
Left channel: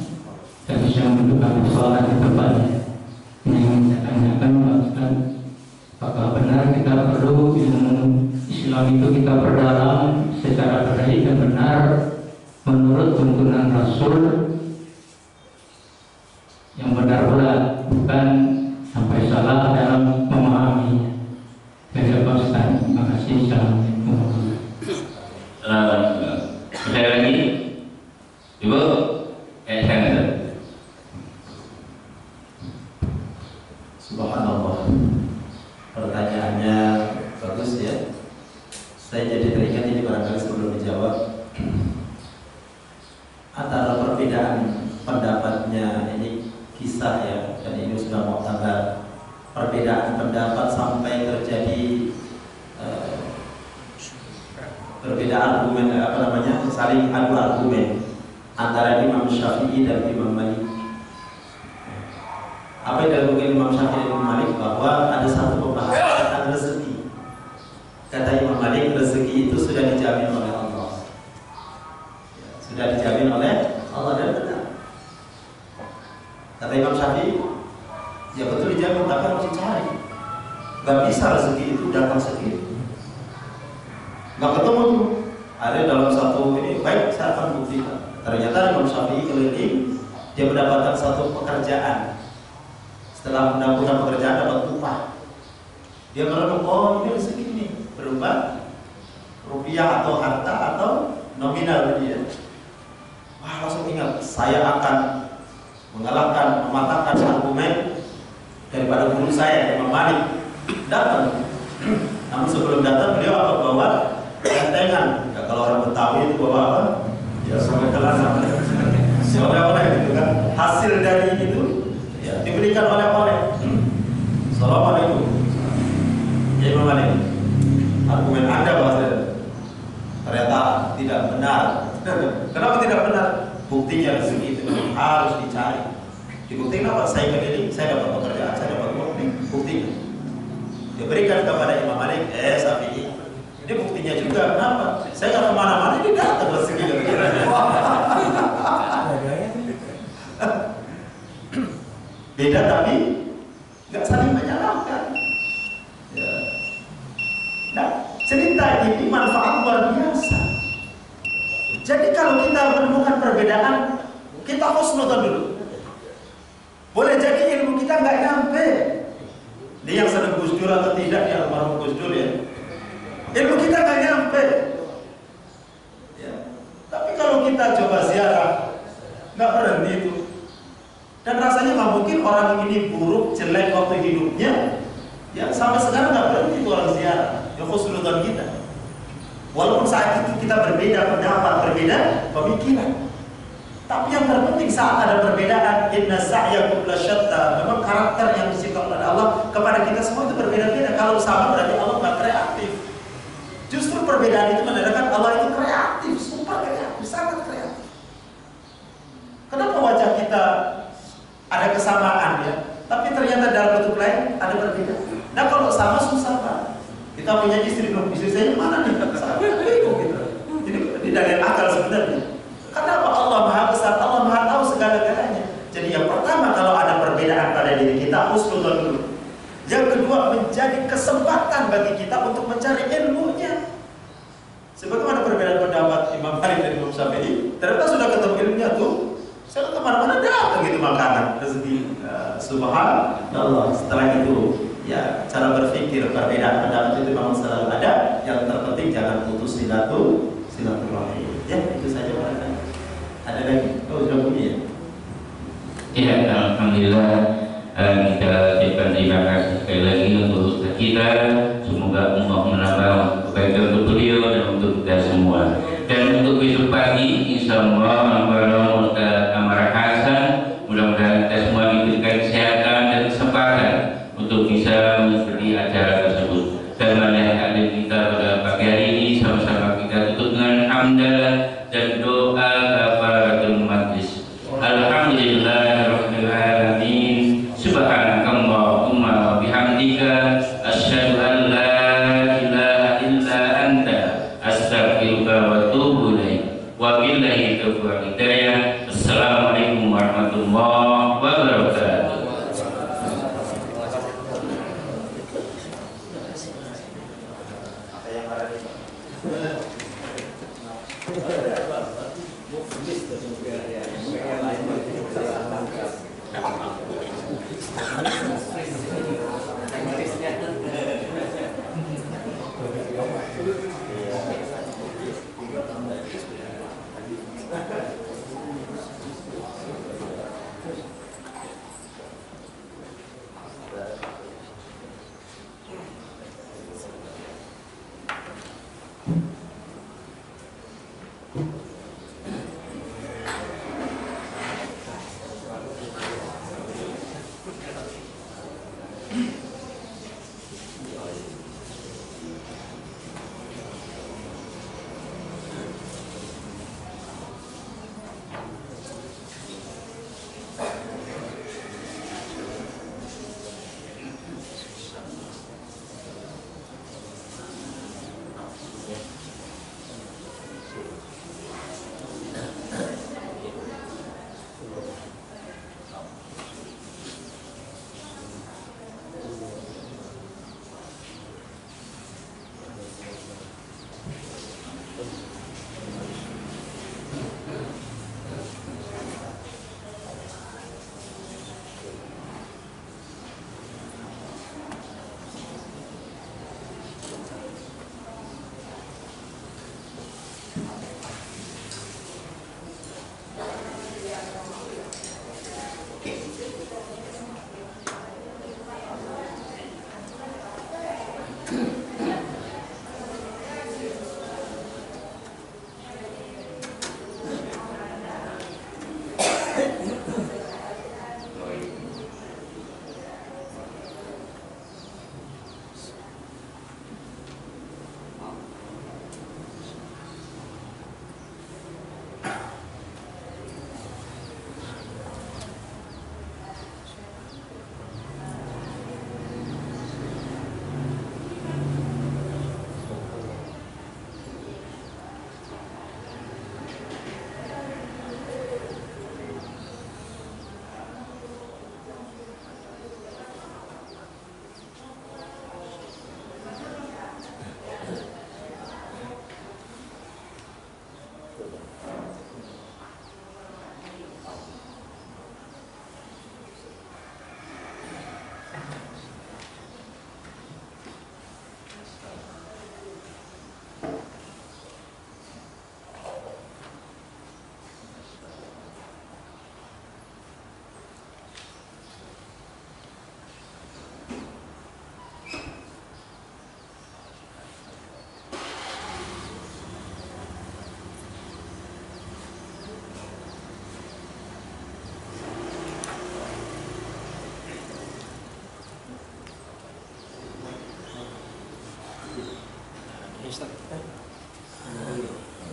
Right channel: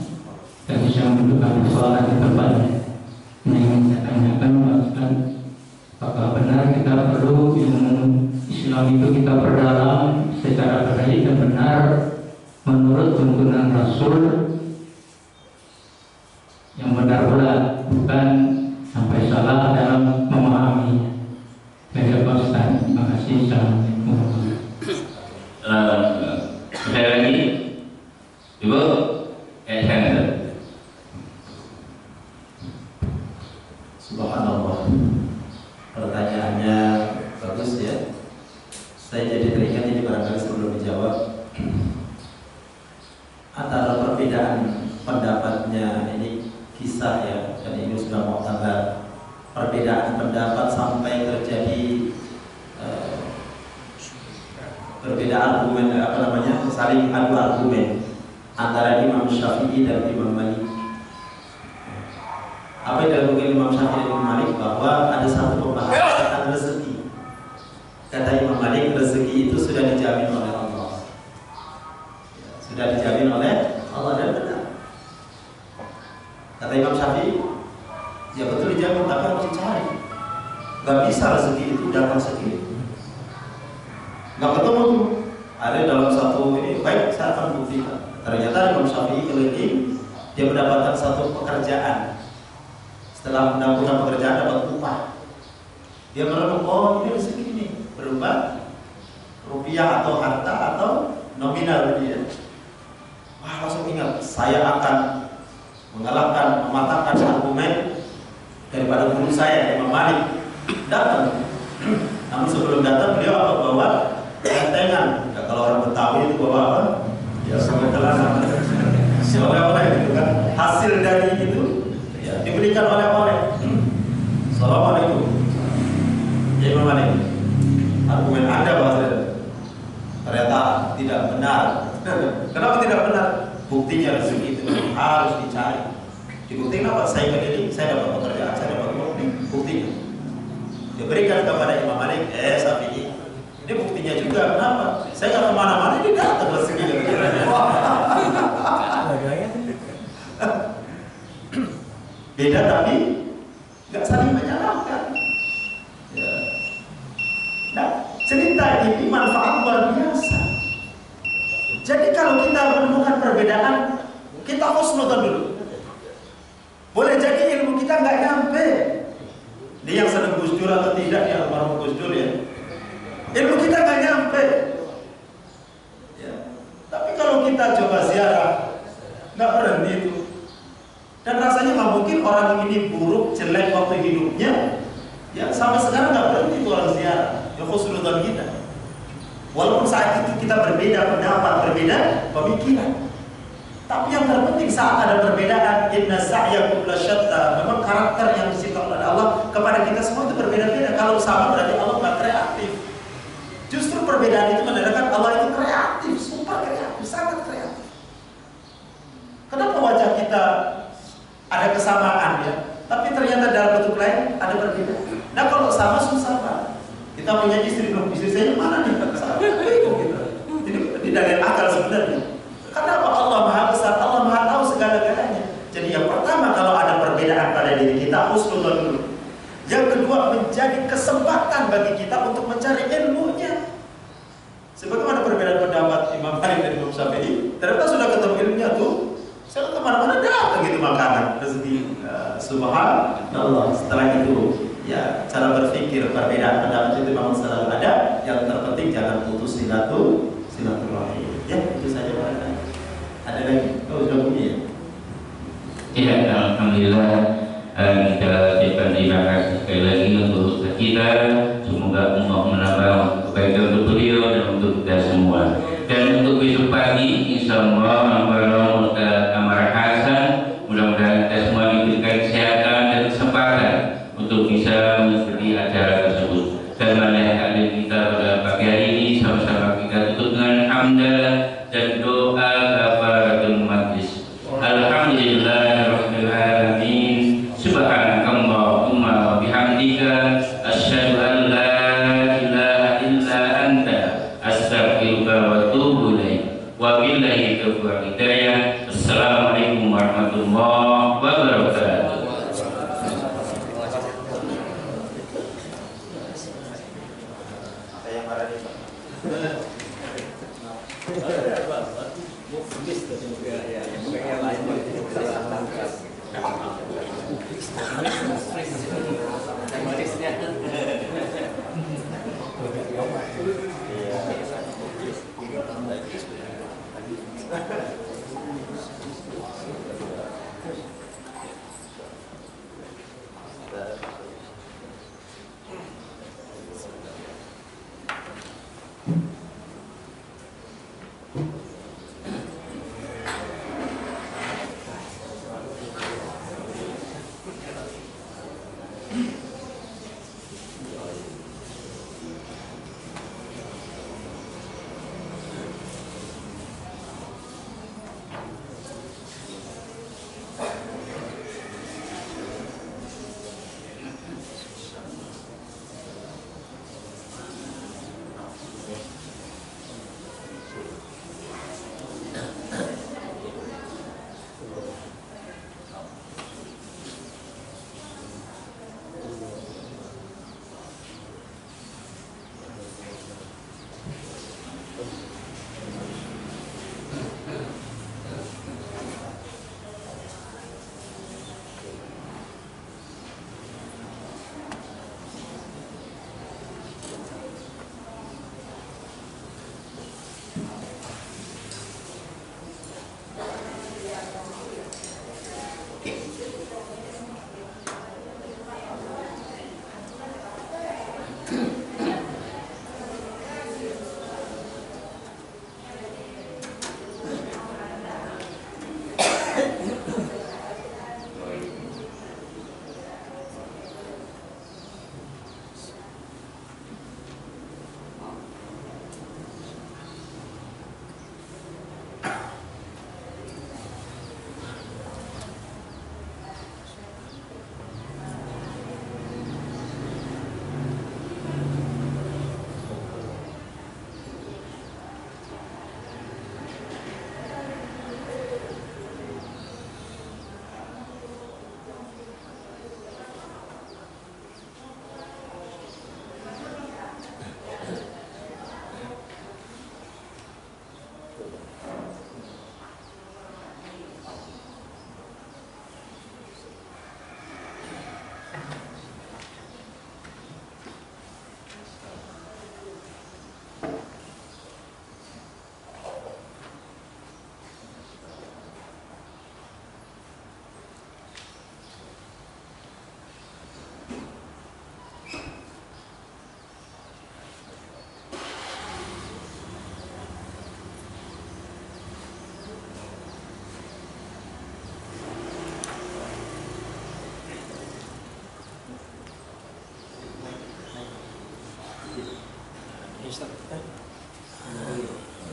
kita bisa menentukan persoalan yang tepat. Yang saya tanyakan Pak Ustaz, apakah benar kita perlu ilmu Islam itu kita perdalam secara baik dan benar menurut tuntunan Rasul yang benar pula, bukan sampai salah dalam memahaminya. Saya Pak Ustaz, terima kasih. Assalamualaikum. Sekali lagi, Ibu, saya Subhanallah, pertanyaannya bagus ya. Saya jadi teringat ini barangkali sebelum dijawab, antara perbedaan pendapatnya ini kisah ya, dan ini sudah mau tanggal perbedaan pendapat sampai terjadi berbeda argumen, saling adu argumen antara Imam Syafi'i dan Imam Malik. Apa yang dilakukan Imam Syafi'i dan Imam Malik, bahwa ada satu pembahasan tentang rezeki. Kata Imam Malik, rezeki itu sudah dijamin oleh Allah, sudah dijamin oleh Allah dan benar. Kata Imam Syafi'i, ya betul dijamin, tapi harus dicari. Gak bisa rezeki itu datang sendiri, gak ketemu tuh. Ada dalam satu ini, baik saya akan buktikan. Ternyata Imam Syafi'i keliling, dia mendapatkan satu pekerjaan. Setelah mendapatkan pekerjaan dapat upah. Dia merenung, oh ini rezeki ini berupa rupiah atau harta atau nominal dia. Wah, langsung ingat, saya akan mengalahkan, mematahkan argumen daripada guru saya Imam Malik. Datang. Namun sebelum datang beliau apa bawa tentengan. Ya, kalau orang Betawi itu bawa apa? Ya sampai kelana. Oleh-oleh gitu kan. Hasil dari itu ya diberikan oleh-oleh. Assalamualaikum. Ya Imam Malik, argumen Anda bahwa ternyata tidak benar. Kenapa tidak benar? Buktinya rezeki itu harus dicari. Dibuktikan apa? Saya keliling, saya dapat pekerjaan, saya dapat uang. Buktinya diberikan kepada Imam Malik, Syafi'i. Ini buktinya juga. Kenapa? Saya nggak kemana-mana, ini datang rezeki. Beda tapi nggak saling menyalahkan. Ya. Nah, cerita ini manfaat luar biasa. Jadi kalau kita menemukan perbedaan, kita husnudzon dulu. Boleh jadi ilmu kita nggak nyampe. Dia yang sedang Gus Dur atau tidak, dia almarhum Gus Dur ya. Ilmu kita nggak nyampe. Ya. Tapi kalau kita coba ziarah, nggak berhenti itu. Dan rasanya nggak mungkin orang ini buruk, jelek waktu hidupnya. Ya sampai sekarang nggak berhenti itu orang ziarah. Ya husnudzon kita. Walaupun saat itu kita berbeda pendapat, berbeda pemikiran. Tapi yang terpenting saat ada perbedaan, inna sa'yakum lasyatta. Memang karakter yang diciptakan oleh Allah kepada kita semua itu berbeda-beda. Kalau sama berarti Allah nggak kreatif. Justru perbedaan itu menandakan Allah itu kreatif, super kreatif, sangat kreatif. Kenapa wajah kita ada kesamaan ya, tapi ternyata dalam bentuk lain ada perbedaan. Nah kalau sama susah Pak. Kita punya istri, belum istri saya mana nih? Bingung gitu. Jadi tidak ada akal sebenarnya. Kenapa Allah Maha Besar, Allah Maha Tahu segala-galanya. Jadi yang pertama kalau ada perbedaan pada diri kita, husnudzon dulu. Yang kedua menjadi kesempatan bagi kita untuk mencari ilmunya. Sebagaimana perbedaan pendapat Imam Malik dan Imam Syafi'i, ternyata sudah ketemu ilmunya tuh. Saya kemana-mana datang gitu makanan rezeki. Subhanallah. Setelah itu Ya, cara berpikir perbedaan pendapat itu memang selalu ada. Yang terpenting jangan putus silaturahim. Ya, itu saja barangkali. Ada lagi? Oh, sudah punya ya? Ya, alhamdulillah kita ucapkan terima kasih sekali lagi untuk Ustaz kita. Semoga Allah menambah kebaikan untuk beliau dan untuk kita semua. Dan untuk besok pagi, insya Allah bareng Ustaz Amar Hasan, mudah-mudahan kita semua diberikan kesehatan dan kesempatan untuk bisa mengikuti acara tersebut. Dan banyak hadir kita pada pagi hari ini, sama-sama kita tutup dengan hamdalah dan doa kafaratul majlis. Alhamdulillahirabbil alamin. Subhanakallahumma wa bihamdika asyhadu an la ilaha illa anta astaghfiruka wa atubu ilaik. Wa billahi taufiq wal hidayah. Assalamualaikum warahmatullahi wabarakatuh.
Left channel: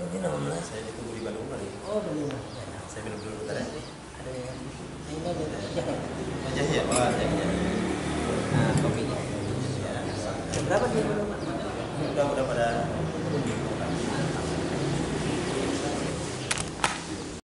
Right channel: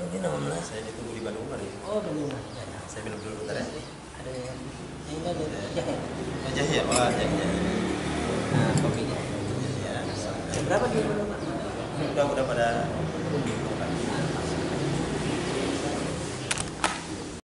Ini nama saya ditunggu di Bandung hari. Oh, Bandung. Saya minum dulu bentar ya. Ada yang ini ada jahe. Oh, jahe ya, Pak. Jahe. Nah, kopinya. Ya. Berapa di Bandung? Udah pada